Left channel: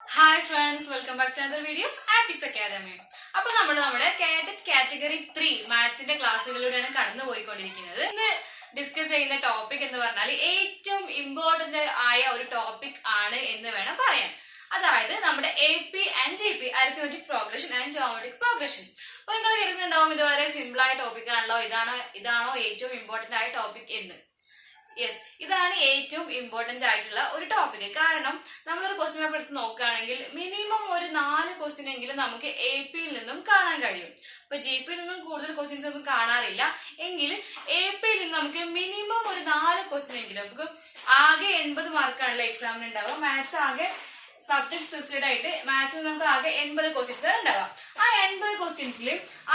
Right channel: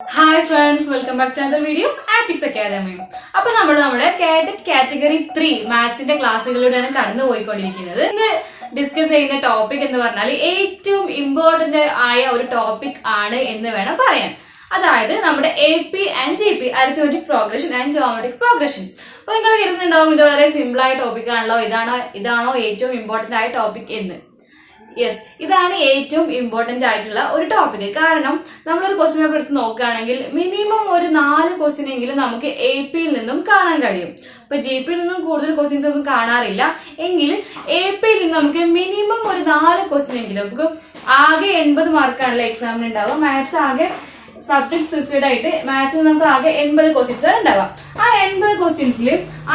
Hi friends, welcome back to another video of Apix Academy. അപ്പോൾ നമ്മൾ നമ്മുടെ cadet category 3 മാത്സിന്റെ ക്ലാസ്സുകളിലൂടെയാണ് കടന്നു പോയിക്കൊണ്ടിരിക്കുന്നത്. ഇന്ന് ഡിസ്കസ് ചെയ്യുന്ന ടോപ്പിക് എന്ന് പറഞ്ഞാൽ ഏറ്റവും ഇമ്പോർട്ടന്റ് ആയ ഒരു ടോപ്പിക് ആണ് എന്ന് വേണം പറയാൻ. അതായത് നമ്മുടെ AP and GP arithmetic progression and geometric progression. അപ്പോൾ നിങ്ങൾ കരുതുന്നുണ്ടാവും ഇത് വളരെ സിമ്പിൾ ആയ ടോപ്പിക് ആണല്ലോ, ഇതാണോ ഏറ്റവും ഇമ്പോർട്ടന്റ് ആയ ടോപ്പിക് എന്ന്. യെസ്, ഇതാണ് ഏറ്റവും ഇമ്പോർട്ടന്റ് ആയിട്ടുള്ള ഒരു ടോപ്പിക്. കാരണം നമ്മളൊരു ക്വസ്റ്റ്യൻ പേപ്പർ എടുത്ത് നോക്കുകയാണെങ്കിൽ മിനിമം ഒരു 4 ക്വസ്റ്റ്യൻ എങ്കിലും നമുക്ക് AP-യിൽ നിന്നും കാണാൻ കഴിയും. ഇപ്പൊ GP-യിൽ നിന്നും കൂടുതൽ ക്വസ്റ്റ്യൻസ് ഒന്നും കാണാറില്ല എങ്കിൽ AP-യിൽ നിന്ന് നമുക്ക് മിനിമം ഒരു 4 ക്വസ്റ്റ്യൻ എങ്കിലും, നമുക്ക് ആകെ 80 മാർക്കാണല്ലോ എക്സാമിന് ഉണ്ടാവുക. മാത്സ് ആകെ സബ്ജക്ട് സ്പെസിഫൈഡ് ആയിട്ട് മാത്സിൽ നമുക്ക് ആകെ 80 ക്വസ്റ്റ്യൻസ് ഉണ്ടാവാം. ആ 80 ക്വസ്റ്റ്യൻസിൽ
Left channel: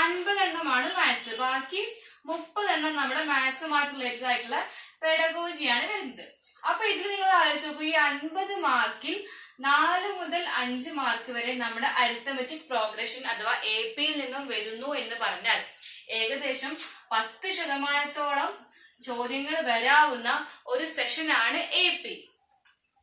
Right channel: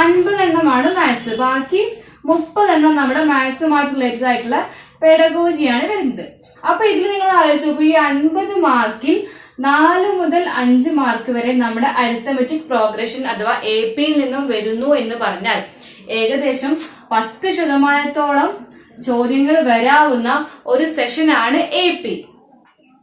50 എണ്ണമാണ് മാത്സ്, ബാക്കി 30 എണ്ണം നമ്മുടെ മാത്സുമായിട്ട് റിലേറ്റഡ് ആയിട്ടുള്ള പെഡഗോജിയാണ് വരുന്നത്. അപ്പൊ ഇതിൽ നിങ്ങൾ ആലോചിച്ച് നോക്കൂ, ഈ 50 മാർക്കിൽ 4 മുതൽ 5 മാർക്ക് വരെ നമ്മുടെ അരിത്തമെറ്റിക് പ്രോഗ്രഷൻ അഥവാ AP-യിൽ നിന്നും വരുന്നു എന്ന് പറഞ്ഞാൽ ഏകദേശം 10% ചോദ്യങ്ങൾ വരാവുന്ന ഒരു സെഷനാണ് AP.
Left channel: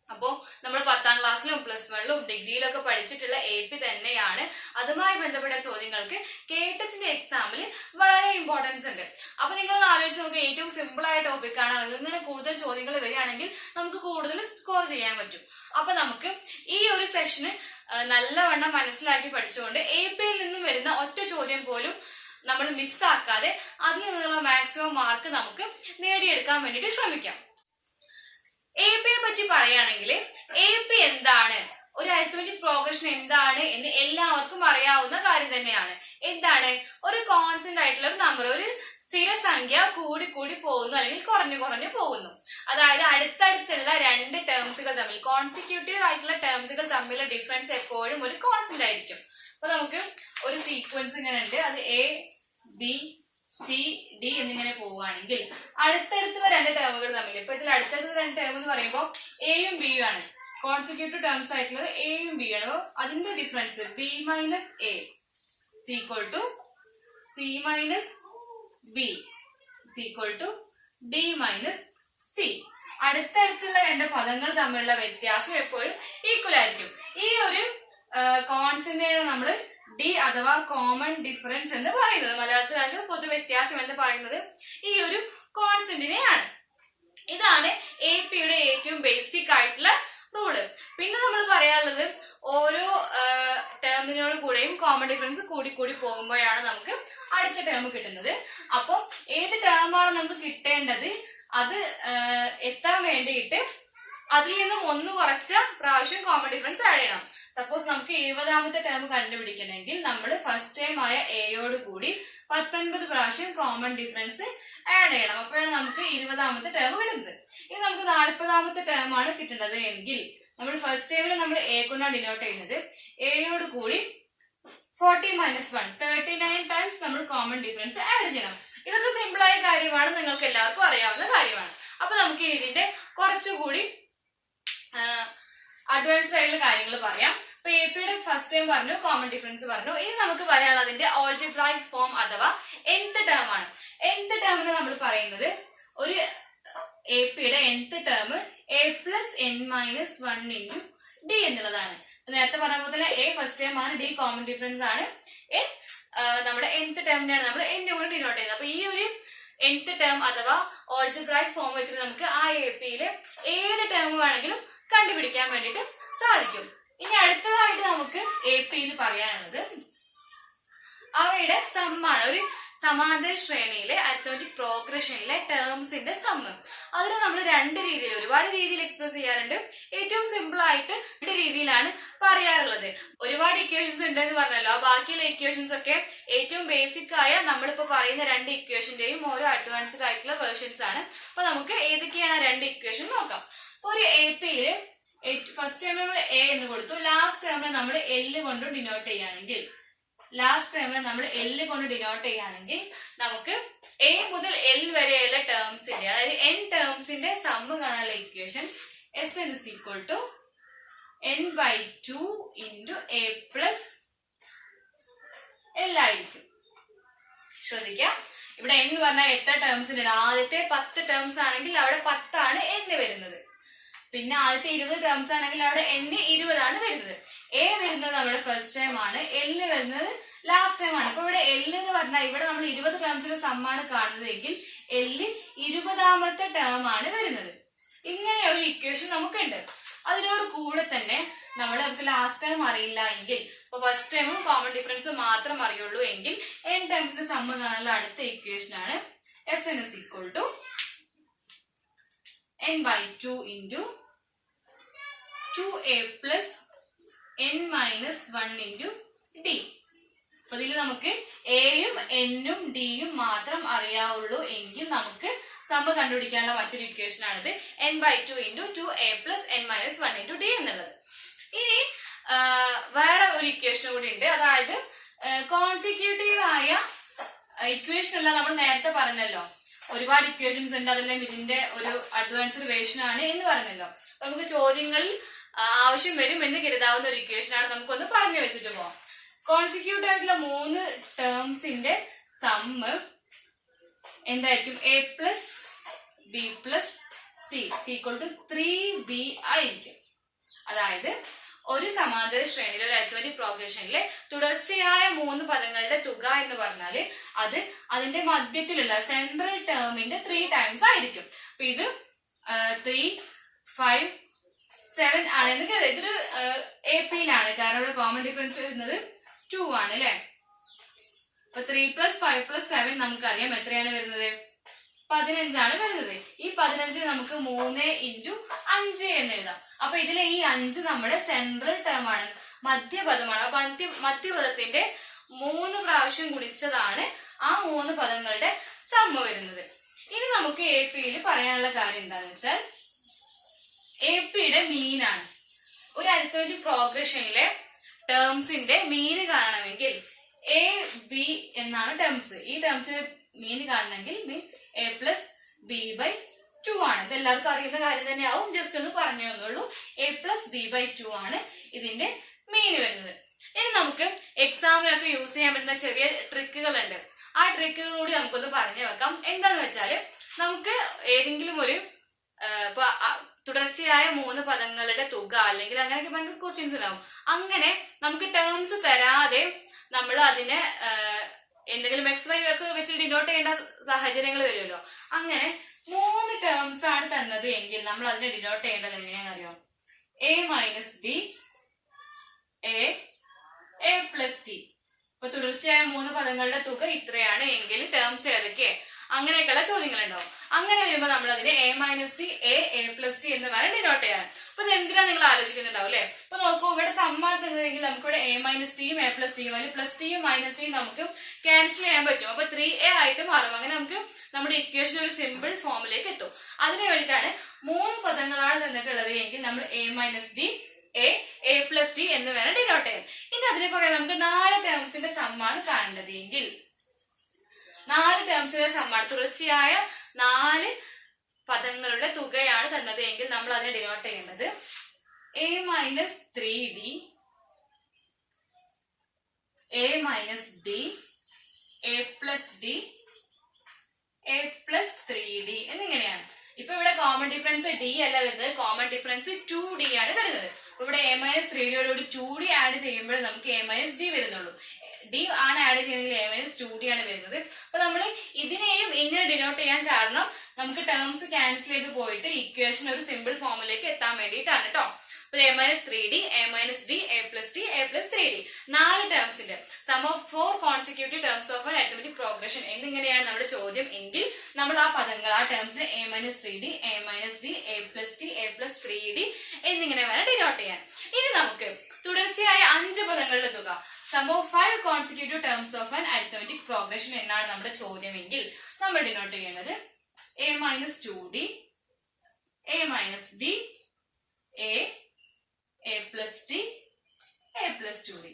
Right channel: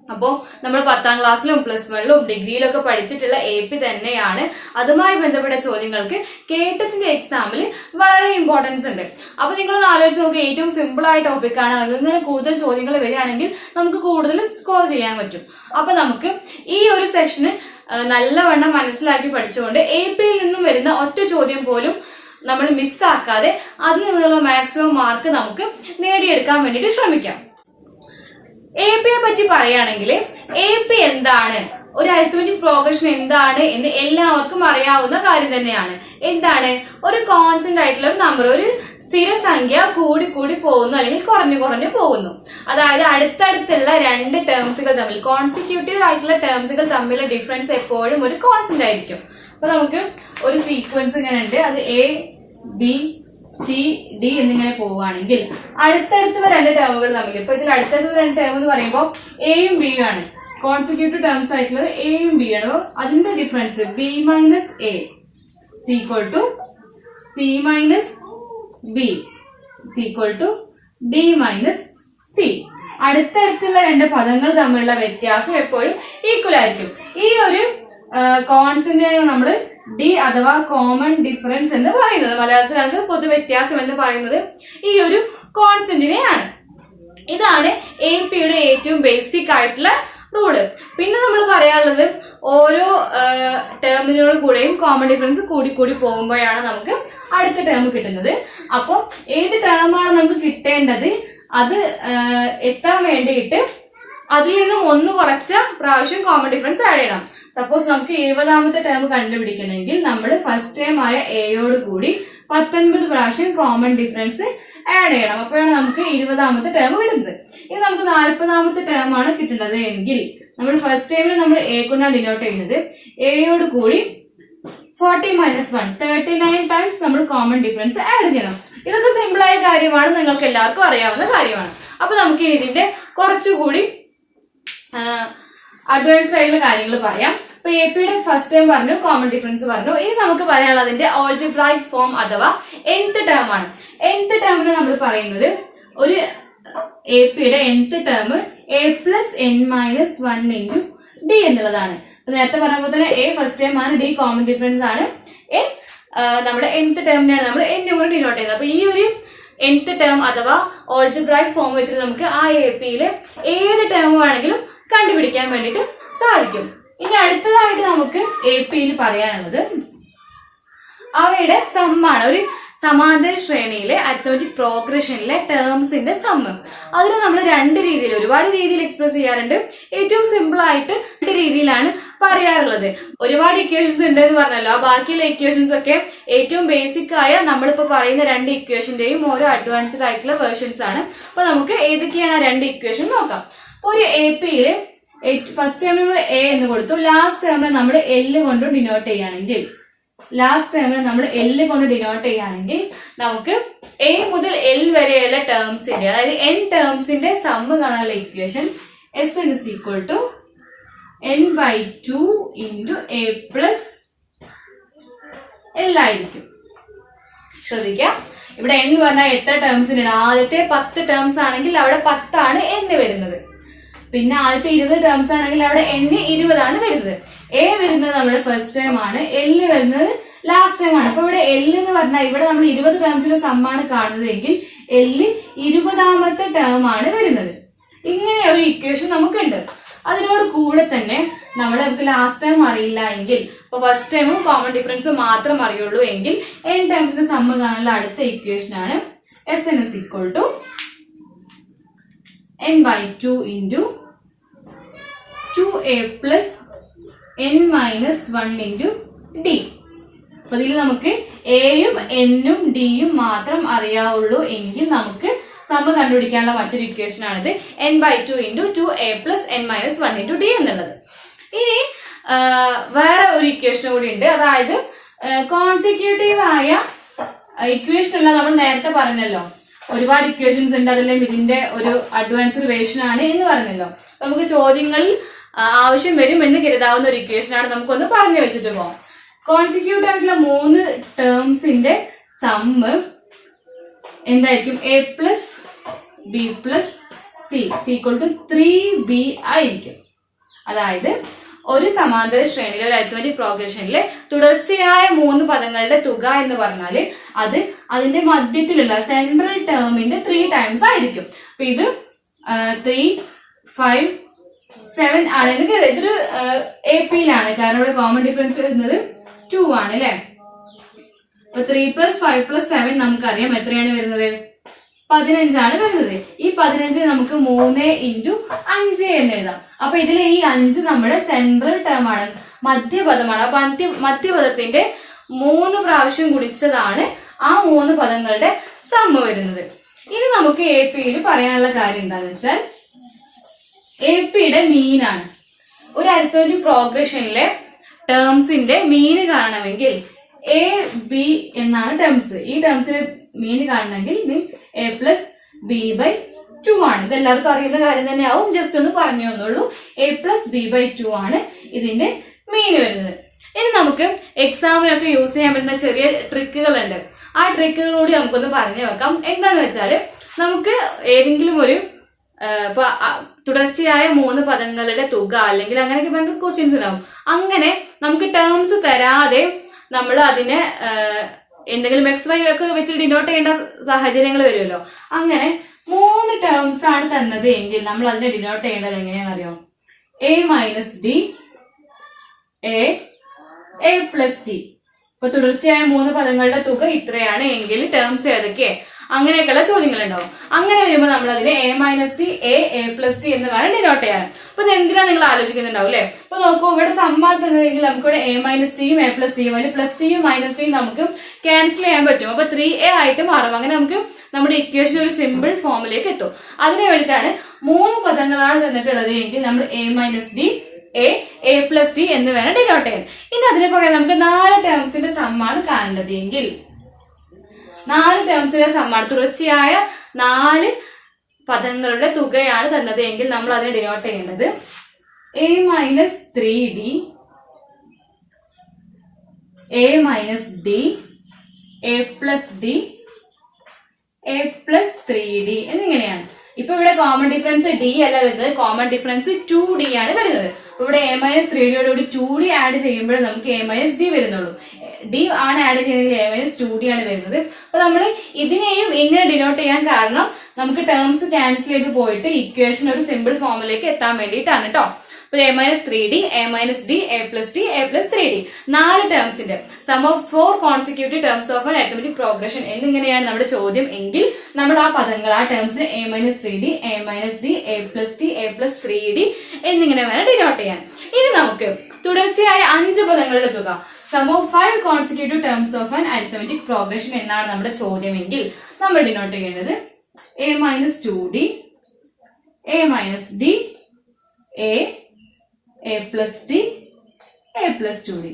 അപ്പോൾ നമ്മൾ 10ാം ക്ലാസ്സിലും +1ലും ഡിഗ്രിയിലൊക്കെ പഠിച്ചിട്ടുള്ള AP തന്നെയാണ്. അതുമായി ബന്ധപ്പെട്ട ചോദ്യങ്ങൾക്ക് കേട്ടറ്റിന്റെ എക്സാമിൽ വളരെ ഇമ്പോർട്ടൻസ് ഉണ്ട്. അപ്പൊ നിങ്ങളൊന്ന് ആലോചിച്ച് നോക്കുക, ഏറ്റവും സിമ്പിൾ ആയ ടോപ്പിക്കാണ്. അങ്ങനെ കൂടുതൽ ചോദ്യങ്ങൾ വരികയാണെങ്കിൽ നമുക്ക് കൂടുതൽ സ്കോർ ചെയ്യാൻ പറ്റും. അപ്പൊ നമുക്ക് ഈ ഒരു സെഷന് നല്ലവണ്ണം മനസ്സിലാക്കി പഠിച്ചുകൊണ്ട് AP-യിൽ നിന്നും വരുന്ന ഒറ്റ ചോദ്യം പോലും നമ്മൾ മിസ്സാക്കാതെ അതിൽ നിന്നുള്ള മാക്സിമം മാർക്ക് നമുക്ക് നേടിയെടുക്കാൻ വേണ്ടിയിട്ട് ശ്രമിക്കാം. AP-യെ പറ്റി പറയുകയാണെങ്കിൽ AP എന്താണ്, ഒരു അരിത്മെറ്റിക് പ്രോഗ്രഷൻ എന്താണ് എന്ന് എല്ലാവർക്കും അറിയാവുന്ന കാര്യം തന്നെയാണ്. എന്താണ്? ഒരു കോൺസ്റ്റന്റ് ആയിട്ടുള്ള ഒരു നമ്പർ, ഒരു സ്ഥിരസംഖ്യ കൂടി കൂടി പോകുന്നു അല്ലെങ്കിൽ കുറഞ്ഞു പോകുന്നു. അതായത് അടുത്തടുത്തുള്ള 2 ടേംസുകൾ തമ്മിൽ, കോൺസിക്യൂട്ടീവ് ആയിട്ടുള്ള ടേംസുകൾ തമ്മിലുള്ള ഡിഫറൻസ് എപ്പോഴും ഒരു കോൺസ്റ്റന്റ് ആയിരിക്കും. അപ്പൊ നമുക്ക് ഒരു സീക്വൻസ് ഇങ്ങനെ ഉണ്ട്, അത് ABCD എന്നിങ്ങനെ പോവുകയാണെങ്കിൽ അടുത്തടുത്തുള്ള 2 ടേമുകൾ തമ്മിൽ, ഇപ്പൊ ഇതിൽ അടുത്തടുത്തുള്ള 2 ടേം എന്ന് പറയുമ്പോൾ എയും ബിയും ആണ്, കോൺസിക്യൂട്ടീവ് ടേംസ് ആയിട്ടുള്ളത് എയും ബി ആണ്. അതിന്റെ difference B - A = C - B = D - C. അടുത്തടുത്തുള്ള 2 പദങ്ങൾ തമ്മിലുള്ള വ്യത്യാസം എപ്പോഴും ഈക്വൽ ആയിരിക്കും. ഈ ഒരു കോൺസ്റ്റന്റിനാണ് നമ്മൾ D അഥവാ കോമൺ ഡിഫറൻസ് എന്ന് പറയുന്നത്. മലയാളത്തിലാണ് പൊതു വ്യത്യാസം എന്ന് പറയുന്നത് ഈ ഒരു കോൺസ്റ്റന്റിനെയാണ്. ഇതാണ് AP-യുടെ ഏറ്റവും ബേസിക് ആയിട്ടുള്ള റൂള്. പിന്നെ നമ്മൾ പറയാനുള്ളത് ഓരോ ടേമിനോട് കൂടെയും കോമൺ ഡിഫറൻസ് കൂടി പോകുമ്പോഴാണ് നമുക്ക് അടുത്ത ടേം കിട്ടുന്നത്. അപ്പോൾ ഏത് ടേമാണ് നമുക്ക് കിട്ടേണ്ടത് അത് എത്താൻ വേണ്ടിയിട്ട് അതിൽ നിന്നും 1 കുറച്ച പ്രാവശ്യം കോമൺ ഡിഫറൻസ് ആഡ് ചെയ്യണം. സപ്പോസ് നമുക്ക് 20ാമത്തെ ടേം കണ്ടുപിടിക്കണമെങ്കിൽ നമ്മൾ ഫസ്റ്റ് ടേം ആയ എയോട് കൂടി 19 പ്രാവശ്യം കോമൺ ഡിഫറൻസ് ആഡ് ചെയ്യണം. അപ്പോഴാണ് നമുക്ക് 20ാമത്തെ ടേം കിട്ടുന്നത്. ഇനി നമുക്ക് 40ാമത്തെ ടേം ആണ് കിട്ടുന്നത് എങ്കിൽ നമ്മൾ ഫസ്റ്റ് ടൈമിൽ നമ്മൾ A കൊണ്ടാണ് ഡിനോട്ട് ചെയ്യുന്നത്. എയോട് കൂടി 40 - 1 39 ടൈംസ് നമ്മൾ കോമൺ ഡിഫറൻസ് ആഡ് ചെയ്യണം. ഇതൊക്കെ സിമ്പിൾ ആയ കാര്യമാണ്, നിങ്ങൾക്ക് എല്ലാവർക്കും അറിയാവുന്ന കാര്യമാണ്. അപ്പൊ നമുക്ക് ഇതിന്റെ കുറച്ചുകൂടി അഡ്വാൻസ്ഡ് ആയിട്ടുള്ള കാര്യങ്ങൾ പറയാം. ഇപ്പൊ AP-യുടെ ഫസ്റ്റ് ടൈം പറഞ്ഞു, കോമൺ ഡിഫറൻസ് പറഞ്ഞു. ഇനി നമുക്ക് പറയാനുള്ളത് അതിന്റെ ഓൾജിബ്രായിക് ഫോം അഥവാ nth ടേം ആണ്. nth ടേമിന് നമ്മൾ പറയുന്നത് ഒരു AP-യുടെ nth term A + n - 1 × D എന്നുള്ളതാണ്. നേരത്തെ പറഞ്ഞ പോലെ തന്നെ A ഫസ്റ്റ് ടൈം ആണ്, D കോമൺ ഡിഫറൻസ് ആണ്, n നമ്മുടെ nth ടേമിനെയാണ് നമ്മൾ n കൊണ്ട് ഡിനോട്ട് ചെയ്യുന്നത്. അപ്പൊ ഈ ഒരു nth ടേം അഥവാ ഓൾജിബ്രായിക് ഫോം വെച്ചിട്ട് നമുക്ക് ആ AP-യിൽ ഏത് ടേം വേണമെങ്കിലും കണ്ടുപിടിക്കാൻ വേണ്ടിയിട്ട് സാധിക്കും. ഇനി അടുത്തതായിട്ട് നമുക്ക് AP-യിൽ പറയാനുള്ളത് അവയുടെ സമ്മാണ്. ഒരു സമാന്തര ശ്രേണിയിലെ അരിത്മെറ്റിക് പ്രോഗ്രഷനിലെ ടേംസിന്റെ സമ്മ്. അതിന് നമ്മൾ 2 രീതിയിൽ, ഒരുപാട് രീതിയിൽ എക്സ്പ്രസ് ചെയ്യാറുണ്ട്. ഏറ്റവും സിമ്പിൾ ആയിട്ട് 2 രീതിയിലാണ് പറയാറുള്ളത്. ഒരുപാട് ഇക്വേഷൻസ് ഉണ്ട് എന്ന് പറഞ്ഞല്ലോ, ആ ബാക്കിയുള്ള ഇക്വേഷൻസ് ഒക്കെ ഏറ്റവും ബേസിക് ആയ നമ്മളിപ്പോ പറയുന്ന 2 ഇക്വേഷന്റെയും ഓരോ അഡ്വാൻസ്ഡ് ആയിട്ടുള്ള വേർഷൻസ് ആണ്. അപ്പൊ നമുക്ക് ഏതൊക്കെയാണ് ആ 2 ഇക്വേഷൻ നോക്കാം. ഒരു AP-യില് ഫസ്റ്റ് ടേമിൽ നമ്മൾ A എന്ന് കൊടുത്തു, ലാസ്റ്റ് ടേമിൽ നമ്മൾ L കൊണ്ട് ഡിനോട്ട് ചെയ്യുകയാണെങ്കിൽ നമുക്ക് A മുതൽ L വരെയുള്ള ടേംസിന്റെ, അതായത് n ടേംസിന്റെ സമ്മ് കാണാനുള്ള equation Sn = n/2 × A + L ആയിരിക്കും. ശ്രദ്ധിക്കാം, ഇവിടെ n പറഞ്ഞാൽ എത്ര ടേംസിനാണ്? ആദ്യത്തെ 10 ടേംസ് ആണെങ്കിൽ അവിടെ 10 ആണ് n വരുന്നത്. പിന്നെ ആദ്യത്തെ 20 ടേംസ് ആണെങ്കിൽ അവിടെ n 20 ആണ് വരുന്നത്. a വരുന്നത് നമ്മുടെ ഫസ്റ്റ് ടൈം ആണ്, l വരുന്നത് ലാസ്റ്റ് ടൈം ആണ്. അപ്പൊ ഇവിടെ l എന്ന് പറഞ്ഞാൽ ഇവിടെ നമ്മൾ 20 ടേംസിന്റെ സമ്മാണ് കാണുന്നതെങ്കിൽ l 20ാമത്തെ ടേം ആണ് വരുന്നത്. ഇങ്ങനെ ഒരു ഇക്വേഷൻ നമുക്കുണ്ട്. അതിനോട് കൂടെ തന്നെ നമുക്ക് ലാസ്റ്റ് ടൈം അറിയില്ല എങ്കിൽ, ഇപ്പൊ ഫസ്റ്റ് ടൈമും കോമൺ ഡിഫറൻസും മാത്രം അറിയുള്ളൂ എങ്കിൽ n ടൈംസിന്റെ സമ്മ് കാണാനുള്ള അടുത്ത ഇക്വേഷൻ ആണ് Sn is equal to n/2 into 2a plus n minus 1 into d. അപ്പൊ ഇതിൽ നമുക്ക് എയും എന്നും ഡിയും മാത്രം അറിയാവുള്ളൂ എങ്കിൽ നമുക്ക് സമ്മ് കണ്ടുപിടിക്കാനുള്ള മറ്റൊരു ഇക്വേഷൻ ആണിത് n/2 into 2a plus n minus 1 into d എന്നുള്ളത്. ഇനി വേറെ ഒരു ഇക്വേഷൻ കൂടി ഉണ്ട്. അതായത് കോൺസിക്യൂട്ടീവ് ആയ ഇക്വേഷൻ അല്ല, നമ്മൾ നേരത്തെ പറഞ്ഞല്ലോ ഒരുപാട് ഇക്വേഷൻസ് ഉണ്ട്, അതെല്ലാം ഇതിന്റെ ഒരു അഡ്വാൻസ്ഡ് വേർഷൻ ആണ് എന്ന് പറഞ്ഞല്ലോ. നമുക്ക് ചോദ്യങ്ങളിൽ ആവശ്യം വരും എന്ന് കരുതാവുന്ന ഒരു ഇക്വേഷൻ ആണ്. നമുക്കൊന്ന് പറഞ്ഞു വെച്ചിട്ട് പോകാം. കോൺസിക്യൂട്ടീവ് ആയിട്ടുള്ള 3 ടേംസിന്റെ സമ്മ് എന്തായിരിക്കും? a plus b plus c equal to 3b ആയിരിക്കും. അതായത് ഒരു സമാന്തര ശ്രേണിയിലെ ഒരു അരിത്മെറ്റിക് പ്രോഗ്രഷനിലെ തുടർച്ചയായ 3 പദങ്ങളുടെ തുക എന്ന് പറഞ്ഞാല് അത് അതിന്റെ മധ്യത്തിലുള്ള സെൻട്രൽ ടേമിന്റെ 3 ടൈംസ് ആയിരിക്കും. അപ്പൊ ഇത് 3, 5, 7 ആണ്. ഇതൊരു AP-യിലാണ്, കാരണം ഇവിടെ കോമൺ ഡിഫറൻസ് വരുന്നത് 2 ആണ് അല്ലെ. അപ്പൊ 3 + 5 + 7 നമുക്കറിയാം എത്രയാണ് വരുന്നത്? 15 ആണ് വരുന്നത്. ഈ 15 നമുക്ക് 3 × 5 എന്ന് എഴുതാം. അപ്പൊ ഇതിലെ ഈ 5 നമ്മുടെ സെൻട്രൽ ടേം ആണ്, മധ്യപദമാണ്. അപ്പൊ മധ്യപദത്തിന്റെ 3 പ്രാവശ്യം ഗുണിച്ചതാണ് ആ 3 പദങ്ങളുടെ സമ്മ് വരുന്നത്. ഇനി നമുക്ക് AP-യിൽ പറയാനുള്ള കാര്യം എന്താന്ന് വെച്ചാൽ AP-യുടെ മീനാണ്. ഒരു അരിത്മെറ്റിക് പ്രോഗ്രഷനിലെ ടേംസിന്റെ മീന് കാണണമെങ്കിൽ a b എന്നാണ് ടേംസ്. ഈ ടേംസിന്റെ മീന് കാണണമെങ്കിൽ a plus b/2 ആണ്. ഇത് എല്ലാവർക്കും അറിയുന്ന കാര്യം തന്നെയാവും, ജസ്റ്റ് ഒന്ന് പറഞ്ഞു തന്നുള്ളൂ. a plus b/2 ആണ് ഇതിന്റെ മീന് വരുന്നത്. ഇനി നമുക്ക് എക്സാമിനൊക്കെ യൂസ് ചെയ്യാൻ പറ്റുന്ന ചെറിയ ട്രിക്കുകളുണ്ട്. ആ ട്രിക്കുകൾ കൂടി നമുക്കൊന്ന് പറഞ്ഞു വെക്കാം. എന്താന്ന് വെച്ചാല് നമുക്ക് ഏതെങ്കിലും ഒരു ഇപ്പൊ തുടർച്ചയായ 3 പദങ്ങളുടെ തുക അല്ലെങ്കിൽ അങ്ങനെയൊക്കെ പറഞ്ഞ ക്വസ്റ്റ്യൻസ് ഉണ്ടാവും. അങ്ങനെ നമുക്ക് ടേംസ് തരാതെ നമ്മൾ അതിനെ എന്തെങ്കിലും XY ഒക്കെ വെച്ച് ഡിനോട്ട് ചെയ്യേണ്ട സാഹചര്യങ്ങൾ വരുമല്ലോ. അങ്ങനെ 3 ടേംസ് ആണ് തന്നത് എങ്കിൽ നമ്മൾ അതിനെ ഡിനോട്ട് ചെയ്യേണ്ടത് എങ്ങനെയാണെന്ന് അറിയാം? a minus d, a plus d. ഇപ്പൊ തുടർച്ചയായ 3 പദങ്ങളുടെ തുക ഇത്രയാണ് എങ്കിൽ ടേംസ് ഏതൊക്കെ, അങ്ങനെയൊക്കെയുള്ള ചോദ്യങ്ങൾ ഉണ്ടാവും. അങ്ങനെ വരുമ്പോൾ നമ്മൾ അതിനെ a minus d, a plus d എന്ന് വേണം ഡിനോട്ട് ചെയ്യാൻ. അപ്പൊ ഇത് എന്തിനാ നിങ്ങൾ ആലോചിക്കുന്നുണ്ടാവും അല്ലെ. അപ്പൊ നോക്കൂ, ഇവിടെ സമ്മാണ് തന്നതെങ്കിൽ നമുക്കിവിടെ a minus d യും a plus d യും, അതിൽ പ്ലസ് ടിയും മൈനസ് ടിയും നമുക്ക് ക്യാൻസൽ ചെയ്യാൻ പറ്റും. അപ്പൊ 3a ആയിട്ട് മാറും. അങ്ങനെ നമുക്ക് നമ്മുടെ ഇക്വേഷൻ ഒരു സിമ്പിൾ ഫോമിലേക്ക് എത്തും. അതിന് വേണ്ടിയിട്ടാണ് 3 പദങ്ങളാണ് തന്നിട്ടുള്ളത് എങ്കിൽ നമ്മൾ a minus d, a plus d എന്ന് വേണം ഡിനോട്ട് ചെയ്യാൻ. ഇനി അതിനെ പകരം നമുക്ക് 4 ടേംസിന്റെ സമ്മാണ് കാണേണ്ടത് എങ്കിൽ 4 ടേംസിന്റെ സമ്മാണ്, തുടർച്ചയായ 4 പദങ്ങളുടെ തുകയാണ് തന്നത് എങ്കിൽ നമ്മൾ അതിനെ ഡിനോട്ട് ചെയ്യേണ്ടത് a minus 3d, a minus d, a plus d, a plus 3d എന്നിങ്ങനെയാണ്. ഇപ്പൊ ഇവിടെ കോമൺ ഡിഫറൻസ് d അല്ല വരുന്നത്, കോമൺ ഡിഫറൻസ് 2d ആണ് വരുന്നത്. അപ്പൊ ഇവിടെ a minus 3d 2d add ചെയ്യുമ്പോൾ നമുക്ക് a minus d വരുന്നുള്ളൂ. d ആണ് ആഡ് ചെയ്യുന്നതെങ്കിൽ a minus 2d ആണ് വരുന്നത്. അപ്പൊ നമ്മൾ ഇതിനെയും ഇങ്ങനെ ഡിനോട്ട് ചെയ്യാൻ കാരണം നമുക്ക് ടേംസ് ക്യാൻസൽ ചെയ്ത് പോയിട്ട് ഇക്വേഷൻ ഒരു സിമ്പിൾ ഫോമിലേക്ക് എത്താൻ വേണ്ടിയിട്ടാണ് കേട്ടോ. അപ്പൊ a minus 3d, a minus d, a plus d, a plus 3d 4 ടേംസിന്റെ sum of 4 consecutive terms of an arithmetic progression എന്നിങ്ങനെയാണ് നമ്മുടെ ചോദ്യം എങ്കിൽ നമ്മൾ ആ പദങ്ങൾ, ആ ടേംസിന് a minus 3d, a minus d, a plus d, a plus 3d എന്നിങ്ങനെ വേണം ഡിനോട്ട് ചെയ്യാൻ. ഇനി നമുക്ക് തുടർച്ചയായ 5 പദങ്ങളുടെ തുക, sum of 5 consecutive terms of an arithmetic progression എന്നാണ് നമ്മുടെ ചോദ്യം എങ്കിൽ നമ്മൾ ഡിനോട്ട് ചെയ്യേണ്ടത് a minus 2d, a minus d, a plus d, a plus 2d.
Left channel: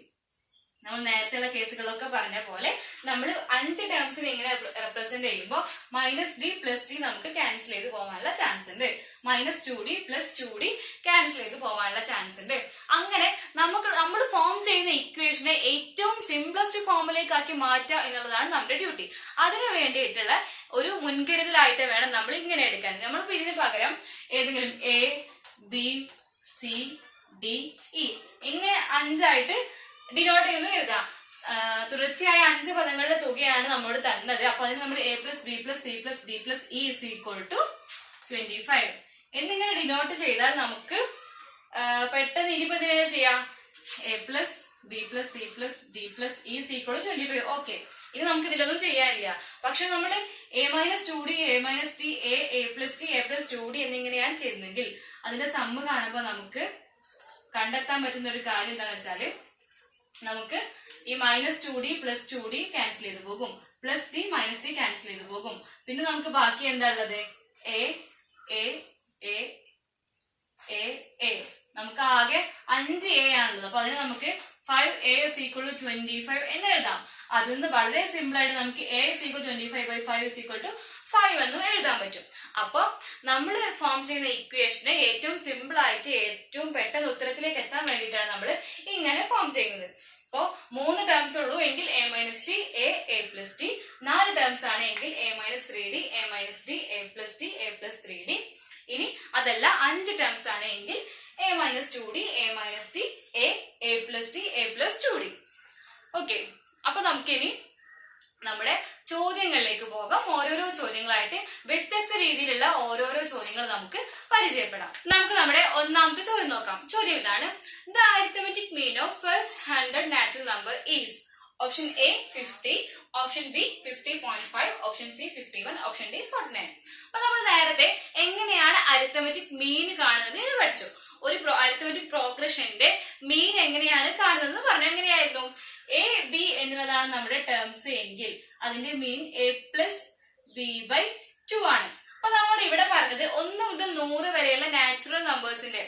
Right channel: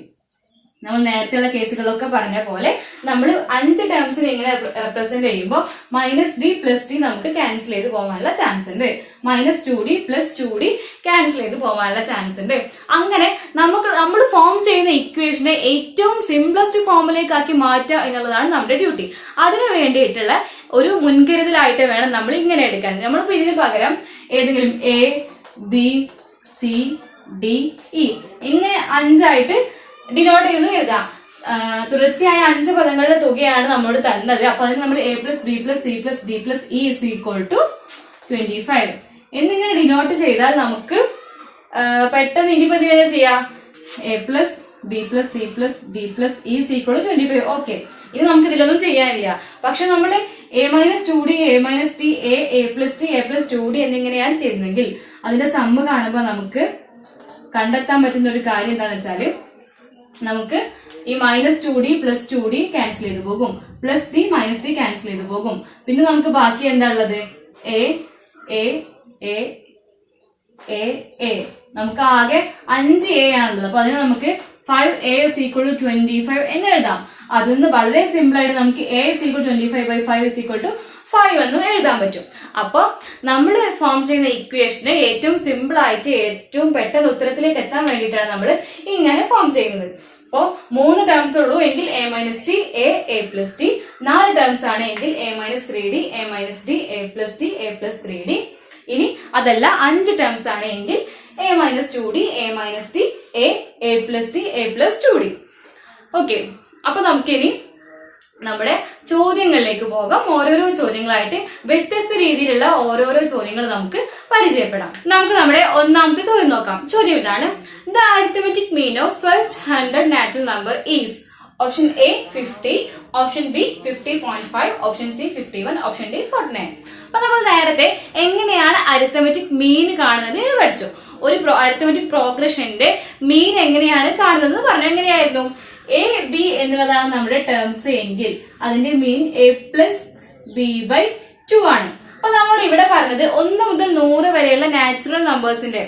നമ്മൾ നേരത്തെയുള്ള കേസുകളൊക്കെ പറഞ്ഞ പോലെ നമ്മൾ 5 ടേംസിനെ ഇങ്ങനെ റെപ്രസെന്റ് ചെയ്യുമ്പോൾ മൈനസ് ഡി പ്ലസ് ഡി നമുക്ക് ക്യാൻസൽ ചെയ്ത് പോകാനുള്ള ചാൻസ് ഉണ്ട്, minus 2d plus 2d cancel ചെയ്ത് പോകാനുള്ള ചാൻസ് ഉണ്ട്. അങ്ങനെ നമ്മൾ ഫോം ചെയ്യുന്ന ഇക്വേഷനെ ഏറ്റവും സിംപ്ലസ്റ്റ് ഫോമിലേക്കാക്കി മാറ്റുക എന്നുള്ളതാണ് നമ്മുടെ ഡ്യൂട്ടി. അതിനു വേണ്ടിയിട്ടുള്ള ഒരു മുൻകരുതലായിട്ട് വേണം നമ്മൾ ഇങ്ങനെ എടുക്കാൻ. നമ്മളിപ്പോ ഇതിന് പകരം ഏതെങ്കിലും a B C D E ഇങ്ങനെ 5ആയിട്ട് ഡിനോട്ട് ചെയ്യുന്നു എഴുതാം. തുടർച്ചയായ 5 പദങ്ങളുടെ തുകയാണ് നമ്മോട് തന്നത്. അപ്പൊ അതിന് നമ്മൾ a plus b plus c plus d plus e is equal to 25 എന്നിങ്ങനെ ഡിനോട്ട് ചെയ്താൽ നമുക്ക് പെട്ടെന്ന് ഇനിയിപ്പോ എന്തിനാ ചെയ്യാം? a plus b plus c plus d plus e is equal to 25. Okay, ഇനി നമുക്ക് ഇതിലൊന്നും ചെയ്യാനില്ല. പക്ഷെ നമ്മൾ a minus 2d a minus d a plus d a plus 2d എന്നിങ്ങനെയാണ് ചെയ്യുന്നതെങ്കിൽ അതിന്റെ സമ്മ് കാണുമ്പോൾ നമുക്ക് കണ്ടെത്താൻ പറ്റുന്ന ഒരു കാര്യം എന്താണെന്ന് വെച്ചാല് നമുക്ക് ഈ minus 2d plus 2d cancel ചെയ്ത് പോകും, plus D minus D cancel ചെയ്ത് പോകും. പിന്നെ നമുക്ക് ബാക്കി എന്താ ഉള്ളത്? A A A A A നമുക്ക് ആകെ 5a ആണുള്ളത്. അപ്പൊ അതിന് നമുക്ക് 5a is equal to 25 എന്ന് എഴുതാം. അതിൽ നിന്ന് വളരെ സിമ്പിൾ ആയിട്ട് നമുക്ക് a is equal to 25/5 is equal to 5 എന്നും എഴുതാൻ പറ്റും. അപ്പൊ നമ്മൾ ഫോം ചെയ്യുന്ന ഇക്വേഷന് ഏറ്റവും സിമ്പിൾ ആയിട്ട് ഏറ്റവും പെട്ടെന്ന് ഉത്തരത്തിലേക്ക് എത്താൻ വേണ്ടിയിട്ടാണ് നമ്മൾ ഇങ്ങനെ ഫോം ചെയ്യുന്നത്. അപ്പോ 3 ടേംസ് ഉള്ളൂ എങ്കിൽ a minus d a plus T, 4 terms ആണ് എങ്കിൽ a minus 3d a minus D a plus d a plus 3d. ഇനി അതല്ല 5 ടേംസ് ആണ് എങ്കിൽ a minus 2d a minus d a plus d a plus 2d. Okay, അപ്പൊ നമുക്കിനി നമ്മുടെ ചോദ്യങ്ങളിലേക്ക് പോകാം. ഓരോരോ ചോദ്യങ്ങളായിട്ട് വ്യത്യസ്ത രീതിയിലുള്ള ഓരോരോ ചോദ്യങ്ങൾ നമുക്ക് പരിചയപ്പെടാം. നമുക്ക് നമ്മുടെ ഒന്നാമത്തെ ചോദ്യം നോക്കാം. ചോദ്യം ഇതാണ്: the arithmetic mean of first 100 natural number is option A 50, option B 50.5, option C 51, option D 49. അപ്പൊ നമ്മൾ നേരത്തെ എങ്ങനെയാണ് അരിത്തമെറ്റിക് മീൻ കാണുന്നത് എന്ന് പഠിച്ചു. ഒരു അരിത്തമെറ്റിക് പ്രോഗ്രഷന്റെ മീൻ എങ്ങനെയാണ് കാണുന്നത് പറഞ്ഞു. എങ്ങനെയായിരുന്നു? എ ബി എന്നുള്ളതാണ് നമ്മുടെ ടേംസ് എങ്കിൽ അതിന്റെ മീൻ a പ്ലസ് ബി ബൈ 2 ആണ്. അപ്പൊ നമ്മൾ ഇവിടെ പറഞ്ഞത് 1 മുതൽ 100 വരെയുള്ള നാച്ചുറൽ നമ്പേഴ്സിന്റെ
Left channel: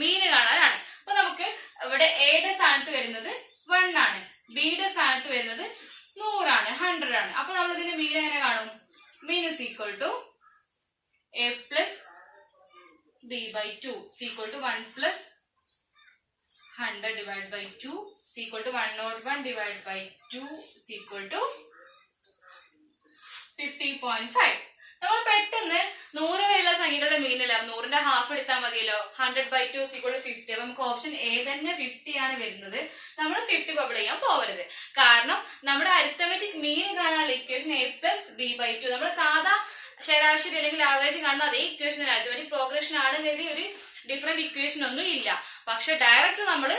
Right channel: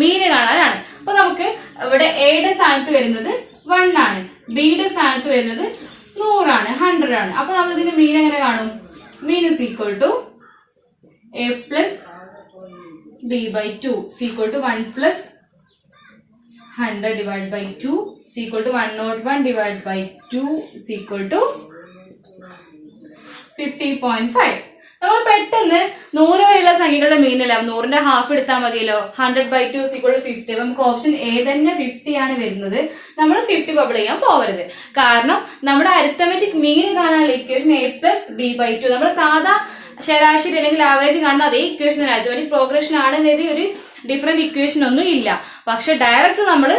മീന് കാണാനാണ്. അപ്പൊ നമുക്ക് ഇവിടെ എയുടെ സ്ഥാനത്ത് വരുന്നത് 1 ആണ്, ബിയുടെ സ്ഥാനത്ത് വരുന്നത് 100 ആണ്, 100 ആണ്. അപ്പൊ നമ്മൾ ഇതിന്റെ മീൻ എങ്ങനെ കാണും? Mean is equal to a plus b by 2 is equal to 1 plus 100 divided by 2 is equal to 101 divided by 2 is equal to 50.5. നമ്മൾ പെട്ടെന്ന് 100 വരെയുള്ള സംഖ്യകളുടെ മീനല്ല, 100ന്റെ ഹാഫ് എടുത്താൽ മതിയല്ലോ. 100/2 is equal to 50. അപ്പൊ നമുക്ക് ഓപ്ഷൻ എ തന്നെ 50 ആണ് വരുന്നത്. നമ്മൾ 50 ബബിൾ ചെയ്യാൻ പോകരുത്. കാരണം നമ്മുടെ അരിത്തമെറ്റിക് മീൻ കാണാനുള്ള equation a plus b by 2 നമ്മുടെ സാധാ ശരാശരി അല്ലെങ്കിൽ ആവറേജ് കാണുന്ന അതേ ഇക്വേഷൻ അരിത്തമെറ്റിക് പ്രോഗ്രഷൻ ആണെന്നതിൽ ഒരു ഡിഫറെന്റ് ഇക്വേഷൻ ഒന്നും ഇല്ല. പക്ഷെ ഡയറക്റ്റ് നമ്മൾ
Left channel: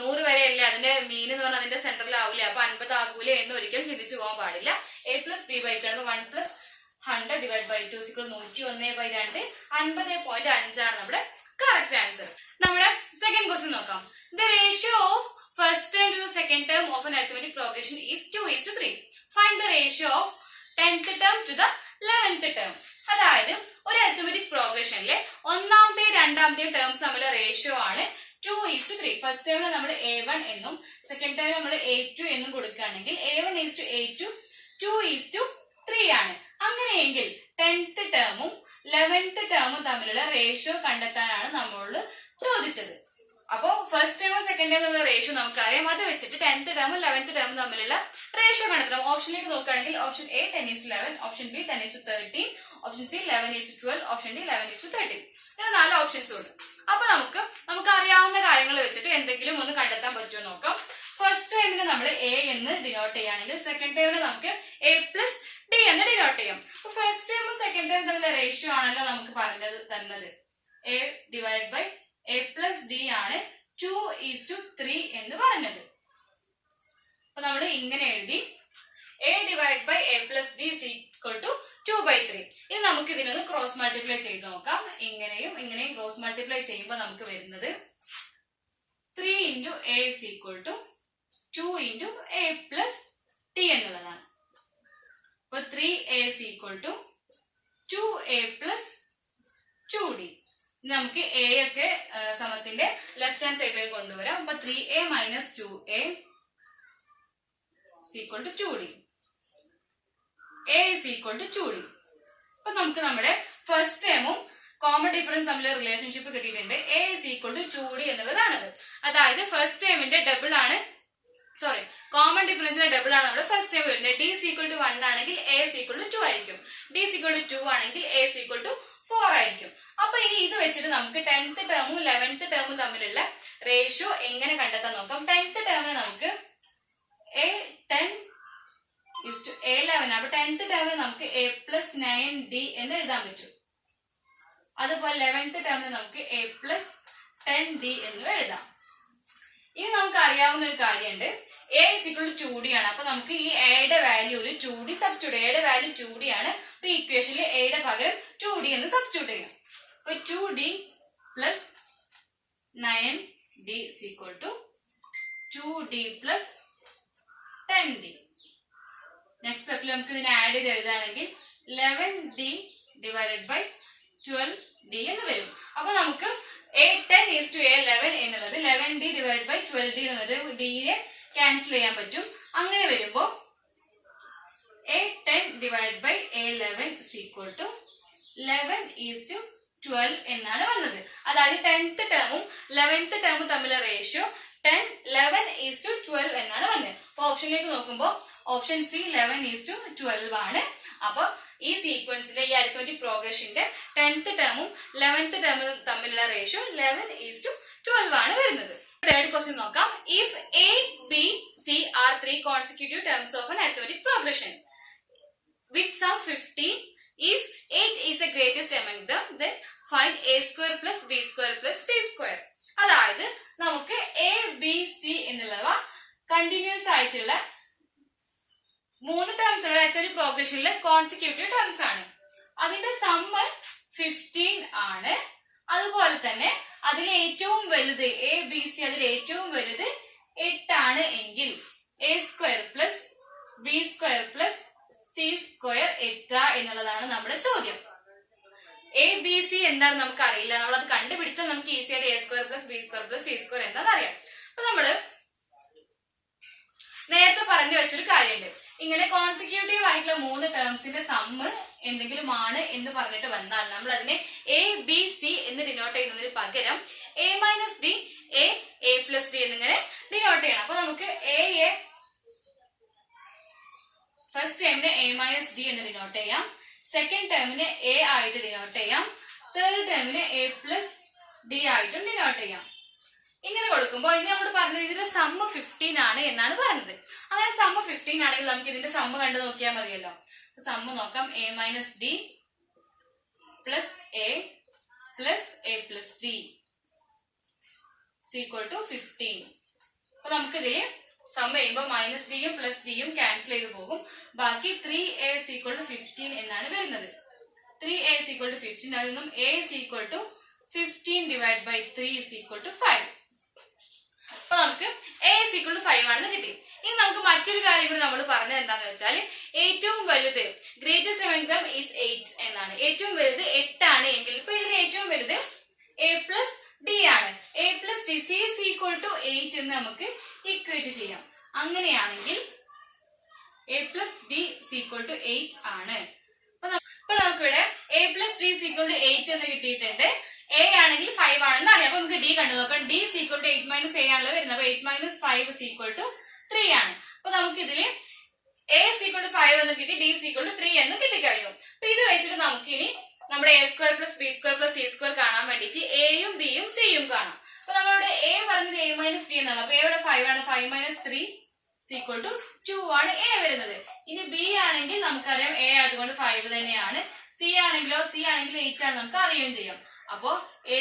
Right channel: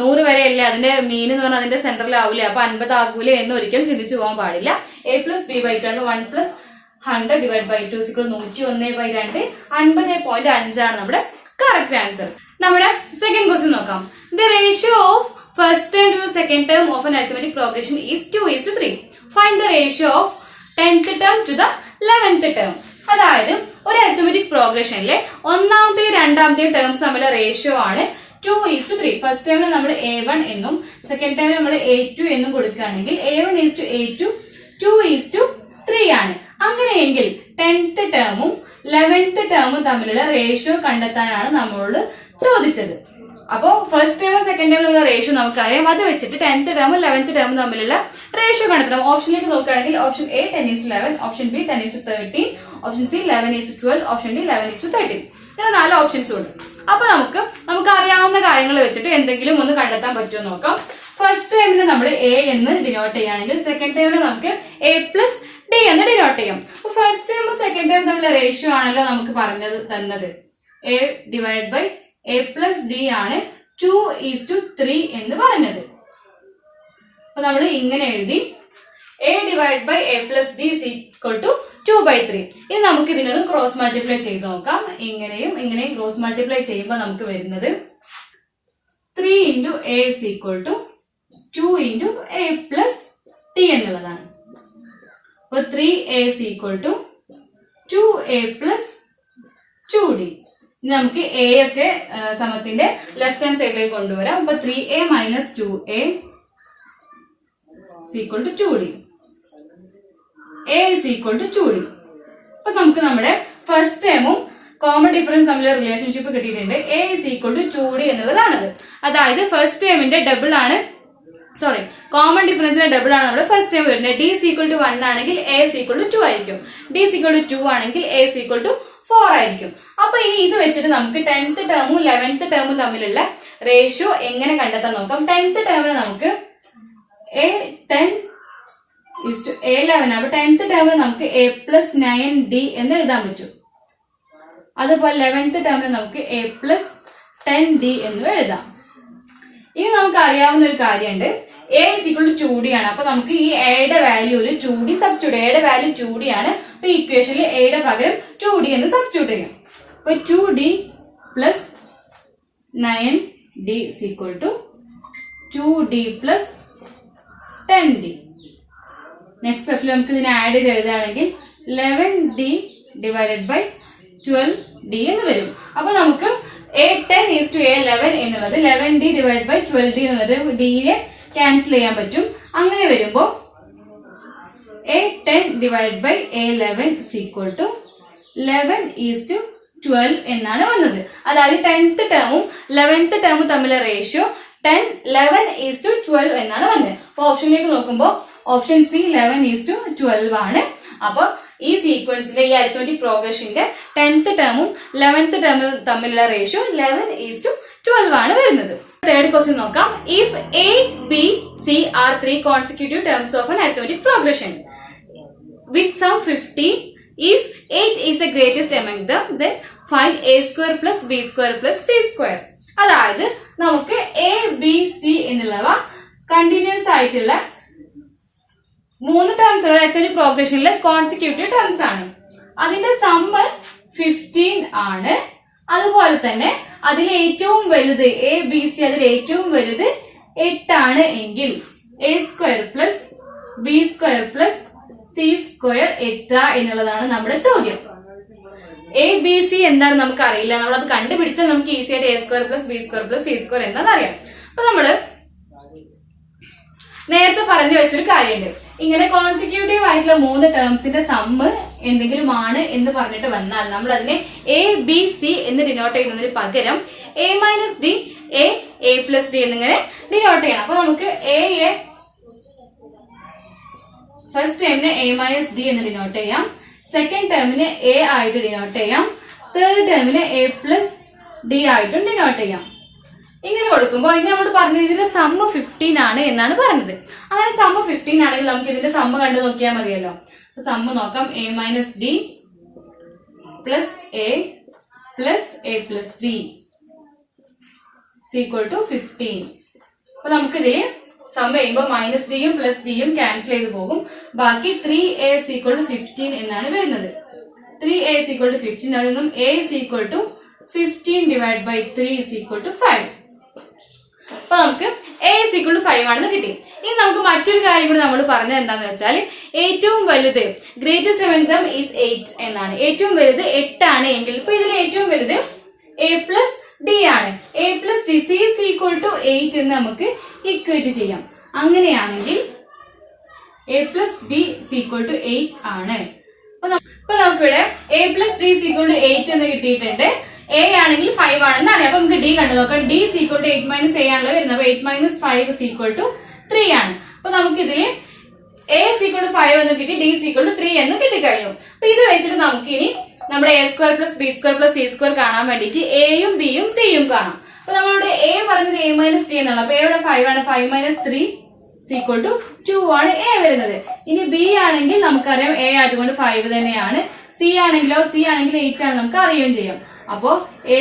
100 വരെ അല്ലേ അതിന്റെ മീൻ എന്ന് പറഞ്ഞാൽ അതിന്റെ സെന്ററിലാവൂലേ, അപ്പൊ 50 ആകൂലേ എന്ന് ഒരിക്കലും ചിന്തിച്ചു പോകാൻ പാടില്ല. a പ്ലസ് ബി ബൈ 2 ആണ്. 1 plus 100 divided by 2 is equal to 101/2, 50.5 ആണ് നമ്മുടെ കറക്റ്റ് ആൻസർ. നമ്മുടെ സെക്കൻഡ് ക്വസ്റ്റ്യൻ നോക്കാം. The ratio of first term two second term of an arithmetic progression is 2:3. Find the ratio of 10th term to the 11th term. അതായത് ഒരു arithmetic പ്രോഗ്രഷനിലെ ഒന്നാമത്തെയും രണ്ടാമത്തെയും terms തമ്മിലെ ratio ആണ് 2:3. First ടൈമിൽ നമ്മൾ a1 എന്നും സെക്കൻഡ് ടൈമിൽ നമ്മൾ a2 എന്നും കൊടുക്കുകയാണെങ്കിൽ a1:a2 2:3 ആണ്. അങ്ങനെയെങ്കിൽ 10th ടേമും 11th ടേമും തമ്മിലുള്ള റേഷ്യോ കണ്ടെത്താനാണ് നമ്മളോട് ചോദിച്ചത്. അപ്പോൾ ഫസ്റ്റ് ടേമും സെക്കൻഡ് ടേമും തമ്മിലുള്ള റേഷ്യോ നമുക്കറിയാം. അത് വെച്ചിട്ട് 10th ടേമും 11th ടേമും തമ്മിലുള്ള റേഷ്യോ കണ്ടെത്തണം. ഓപ്ഷനിലേക്ക് നോക്കുകയാണെങ്കിൽ option A 10:11, option B 10:13, option C 11:12, option D 11:13. ഇങ്ങനെ 4 ഓപ്ഷൻസും ഉണ്ട്. അപ്പൊ നമുക്ക് അറിയാവുന്ന കാര്യങ്ങൾ വെച്ചിട്ട് എന്തെങ്കിലും ഒന്ന് കണ്ടെത്താൻ പറ്റുമോ നോക്കാം. ഫസ്റ്റ് ടൈമിന് നമ്മൾ എ എന്ന് ഡിനോട്ട് ചെയ്യുകയാണെങ്കിൽ സെക്കൻഡ് ടൈമിന് നമുക്ക് a പ്ലസ് ഡി എന്ന് ഡിനോട്ട് ചെയ്യാം. അപ്പൊ ഫസ്റ്റ് ടൈമും സെക്കൻഡ് ടൈമും തമ്മിലുള്ള റേഷ്യോ ആണല്ലോ നമുക്ക് തന്നത്. a divide by a plus d ആണ് 2:3 എന്ന് പറഞ്ഞത്. അപ്പൊ നമ്മൾ ഇങ്ങനെ എഴുതി a divide by a plus d is equal to 2/3. ഇനി നമുക്ക് ഇതിനൊന്ന് ക്രോസ് മൾട്ടിപ്ലൈ ചെയ്ത് നോക്കാം. ഇങ്ങനെയും ഇങ്ങനെയും ക്രോസ് മൾട്ടിപ്ലൈ ചെയ്യുമ്പോൾ നമുക്ക് വരുന്നത് 3 into a is equal to 2 into a plus d എന്നുള്ളതാണ്. അപ്പൊ 3a is equal to 2a plus 2d. ഇനി നമുക്ക് a ഒക്കെ സമത്തിന്റെ ലെഫ്റ്റ് ഹാൻഡ് സൈഡിലേക്ക് കൊണ്ടുവരാം. അപ്പൊ 3a minus 2a is equal to 2d. a is equal to 2d. അപ്പൊ നമുക്ക് നമ്മുടെ ഫസ്റ്റ് ടേമും കോമൺ ഡിഫറൻസ് തമ്മിലുള്ള റിലേഷൻഷിപ്പ് കിട്ടിയിട്ടുണ്ട്. a is equal to 2d എന്നുള്ളതാണത്. അതായത് ഫസ്റ്റ് ടേമിന്റെ ഡബിൾ ആണ്, സോറി കോമൺ ഡിഫറൻസിന്റെ ഡബിൾ ആണ് നമ്മുടെ ഫസ്റ്റ് ടൈം വരുന്നത്. d is equal to 1 ആണെങ്കിൽ a is equal to 2 ആയിരിക്കും. d is equal to 2 ആണെങ്കിൽ a is equal to 4 ആയിരിക്കും. അപ്പൊ ഇനി ഇത് വെച്ചിട്ട് നമുക്ക് 10th ടേമും 11th ടേമും തമ്മിലുള്ള റേഷ്യോ എങ്ങനെ കണ്ടെത്താൻ നോക്കാം. 10th ടേമിന് നമുക്ക് A10:A11. അപ്പൊ 10th ടേമിന് നമുക്ക് A+9D എന്ന് എഴുതാൻ പറ്റും. അതുപോലെ 11th ടേമിന് നമുക്ക് A+10D എന്നും എഴുതാം. ഇനി നമുക്ക് അറിയാവുന്ന ഒരു കാര്യമുണ്ട്, A = 2D ആണ്. അപ്പൊ നമുക്ക് ഈ എയുടെ വാല്യൂല് 2D സബ്സ്റ്റിറ്റ്യൂട്ട്, എയുടെ വാല്യൂ 2D ആണ്. അപ്പൊ ഇക്വേഷനിൽ എയുടെ പകരം 2D എന്ന് സബ്സ്റ്റിറ്റ്യൂട്ട് ചെയ്യും. അപ്പൊ 2D + 9D = 2D + 10D. Next സ്റ്റെപ്പിൽ നമുക്ക് ഇതിനെ ആഡ് ചെയ്ത് എഴുതുകയാണെങ്കിൽ 11D / 12D എന്ന് വരും. അപ്പൊ നമുക്ക് A10:A11 എന്നുള്ളത് 11D / 12D എന്നുള്ളത് ഡിയെ ക്യാൻസൽ ചെയ്യാൻ പറ്റും. അങ്ങനെ വരുമ്പോ A10 / A11 = 11:12 എന്നാണ് വന്നത്. അതായത് 10th ടേമും 11th ടേമും തമ്മിലുള്ള റേഷ്യോ 11:12 എന്നാണ് വന്നത്. അപ്പൊ ഓപ്ഷനിലേക്ക് നോക്കുമ്പോൾ ഓപ്ഷൻ സി 11:12 ആണ്. അപ്പൊ ഈ സീക്വൻസിലെ ഈ അരിത്മെറ്റിക് പ്രോഗ്രഷന്റെ 10th ടേമും 11th ടേമും തമ്മിലുള്ള റേഷ്യോ 11:12 ആണ് വരുന്നത്. തേർഡ് ക്വസ്റ്റ്യൻ നോക്കാം. If A, B, C are 3 consecutive terms of an arithmetic progression with sum 50, if 8 is the greatest among them, then find A² + B² + C². അതായത് നമുക്ക് A, B, C എന്നുള്ളവ കണ്ടിന്യൂസ് ആയിട്ടുള്ള 3 terms arithmetic പ്രോഗ്രഷനിലെ consecutive terms ആണ്. അതിന്റെ sum 15 ആണ്. അതുപോലെ തന്നെ അതിൽ ഏറ്റവും വലുത് ABC, അതിൽ ഏറ്റവും വലുത് 8 ആണ് എങ്കിൽ A² + B² + C² എത്ര എന്നുള്ളതാണ് നമ്മുടെ ചോദ്യം. ABC എന്താണ് നമുക്ക് അറിയില്ല, നമ്മളത് കണ്ടുപിടിച്ചാൽ നമുക്ക് ഈസി ആയിട്ട് A² + B² + C² എന്താണെന്ന് അറിയാം. അപ്പൊ നമ്മള് നേരത്തെ പറഞ്ഞു വെച്ചൊരു കാര്യമുണ്ട്, ഇങ്ങനെ കോൺസിക്യൂട്ടീവ് ആയിട്ടുള്ള 3 ടേംസിന്റെ സമ്മ് എന്തെങ്കിലും ആണ് എന്ന് പറഞ്ഞിട്ട് വന്നാൽ നമ്മൾ അതിനെ ABC എന്ന് ഡിനോട്ട് ചെയ്യുന്നതിന് പകരം A-D, A+D എന്നിങ്ങനെ ഡിനോട്ട് ചെയ്യണം. അപ്പൊ നമുക്ക് ഫസ്റ്റ് ടേമിന് A-D എന്ന് ഡിനോട്ട് ചെയ്യാം, സെക്കൻഡ് ടേമിന് A ആയിട്ട് ഡിനോട്ട് ചെയ്യാം, തേർഡ് ടേമിന് A+D ആയിട്ടും ഡിനോട്ട് ചെയ്യാം. ഇങ്ങനെ കൊടുക്കുമ്പോൾ ഇനി നമ്മൾ പറഞ്ഞത് ഇതിന്റെ സമ്മ് 15 ആണ് എന്നാണ് പറഞ്ഞത്. അങ്ങനെ സമ്മ് 15 ആണെങ്കിൽ നമുക്ക് ഇതിന്റെ സമ്മ് കണ്ടു നോക്കിയാൽ മതിയല്ലോ. സമ്മ് നോക്കാം. A-D + A + A+D = 15. അപ്പൊ നമുക്കിതില് സമ്മ് ചെയ്യുമ്പോൾ -Dയും +Dയും ക്യാൻസൽ ചെയ്ത് പോകും. ബാക്കി 3A = 15 എന്നാണ് വരുന്നത്. 3A = 15. അതിൽ നിന്നും A = 15 / 3 = 5. അപ്പൊ നമുക്ക് A = 5 ആണെന്ന് കിട്ടി. ഇനി നമുക്ക് മറ്റൊരു കാര്യം കൂടി നമ്മൾ പറഞ്ഞത് എന്താന്ന് വെച്ചാൽ ഏറ്റവും വലുത് ഗ്രേറ്റസ്റ്റ് among them is 8 എന്നാണ്. ഏറ്റവും വലുത് 8 ആണ് എങ്കിൽ ഇപ്പൊ ഇതിൽ ഏറ്റവും വലുത് A+D ആണ്. A+D C = 8 എന്ന് നമുക്ക് ഇക്വേറ്റ് ചെയ്യാം. അങ്ങനെയാണെങ്കിൽ A+D = 8 ആണ്. അപ്പൊ നമുക്കിവിടെ A+D = 8 എന്ന് കിട്ടിയിട്ടുണ്ട്. A ആണെങ്കിൽ 5 ആണെന്ന് അറിയാം. അപ്പൊ നമുക്ക് D കണ്ടു നോക്കാം. D = 8 - A ആണല്ലോ വരുന്നത്. അപ്പൊ 8 - 5 = 3 ആണ്. അപ്പൊ നമുക്കിതില് A = 5 എന്ന് കിട്ടി, D = 3 എന്ന് കിട്ടിക്കഴിഞ്ഞു. അപ്പൊ ഇത് വെച്ചിട്ട് നമുക്ക് ഇനി നമ്മുടെ A² + B² + C² കാണാൻ വേണ്ടിയിട്ട് Aയും Bയും Cയും കാണാം. അപ്പൊ നമ്മളിവിടെ A പറഞ്ഞത് A-D എന്നുള്ള. അപ്പൊ Aയുടെ 5 ആണ്. 5 - 3 = 2 ആണ് A വരുന്നത്. ഇനി B ആണെങ്കിൽ നമുക്കറിയാം A ആയതുകൊണ്ട് 5 തന്നെയാണ്. C ആണെങ്കിലോ, C ആണെങ്കിൽ 8 ആണ്, നമുക്ക് അറിയുകയും ചെയ്യാം. അപ്പോ A²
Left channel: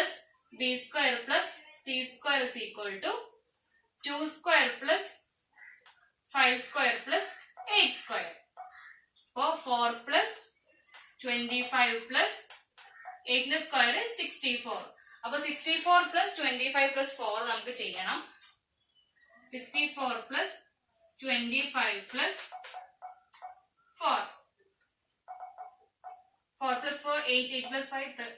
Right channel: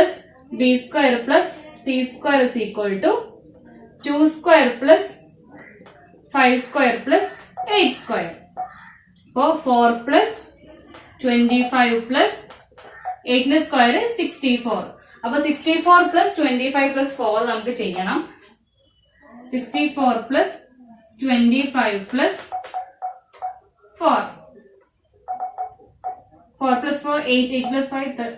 + B² + C² = 2² + 5² + 8². അപ്പോ 4 + 25 + 8² 64. അപ്പൊ 64 + 25 + 4 നമുക്ക് ചെയ്യണം. 64 + 25 + 4. 4 + 4 8, 8 + 5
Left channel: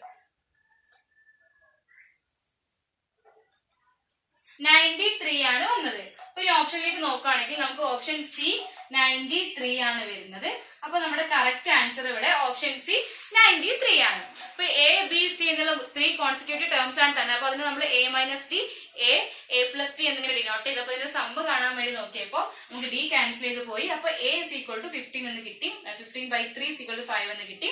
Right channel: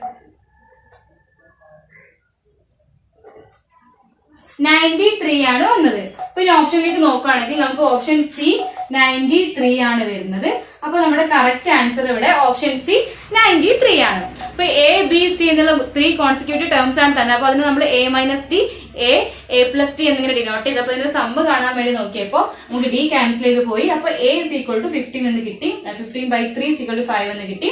93 ആണ് വന്നത്. അപ്പൊ ഈ ഓപ്ഷനിലേക്ക് നോക്കുകയാണെങ്കിൽ നമുക്ക് ഓപ്ഷൻ സി 93 ആണ് വരുന്നത്. അപ്പൊ നമ്മുടെ കറക്റ്റ് ആൻസർ ഇവിടെ ഓപ്ഷൻ സി 93 ആണ്. അപ്പൊ A-B-C എന്നുള്ള 3 കോൺസിക്യൂട്ടീവ് ടേംസ് ആണ് തന്നെ. അപ്പൊ അതിന് നമ്മൾ A-D, A+D എന്നിങ്ങനെ ഡിനോട്ട് ചെയ്ത് അപ്പൊ ഇതിന്റെ സമ്മ് കാണാൻ വേണ്ടി നോക്കിയപ്പോ നമുക്ക് D ക്യാൻസൽ ചെയ്ത് പോയി. അപ്പൊ A = 15 എന്ന് കിട്ടി. 15/3 = 5 എന്ന് കിട്ടി.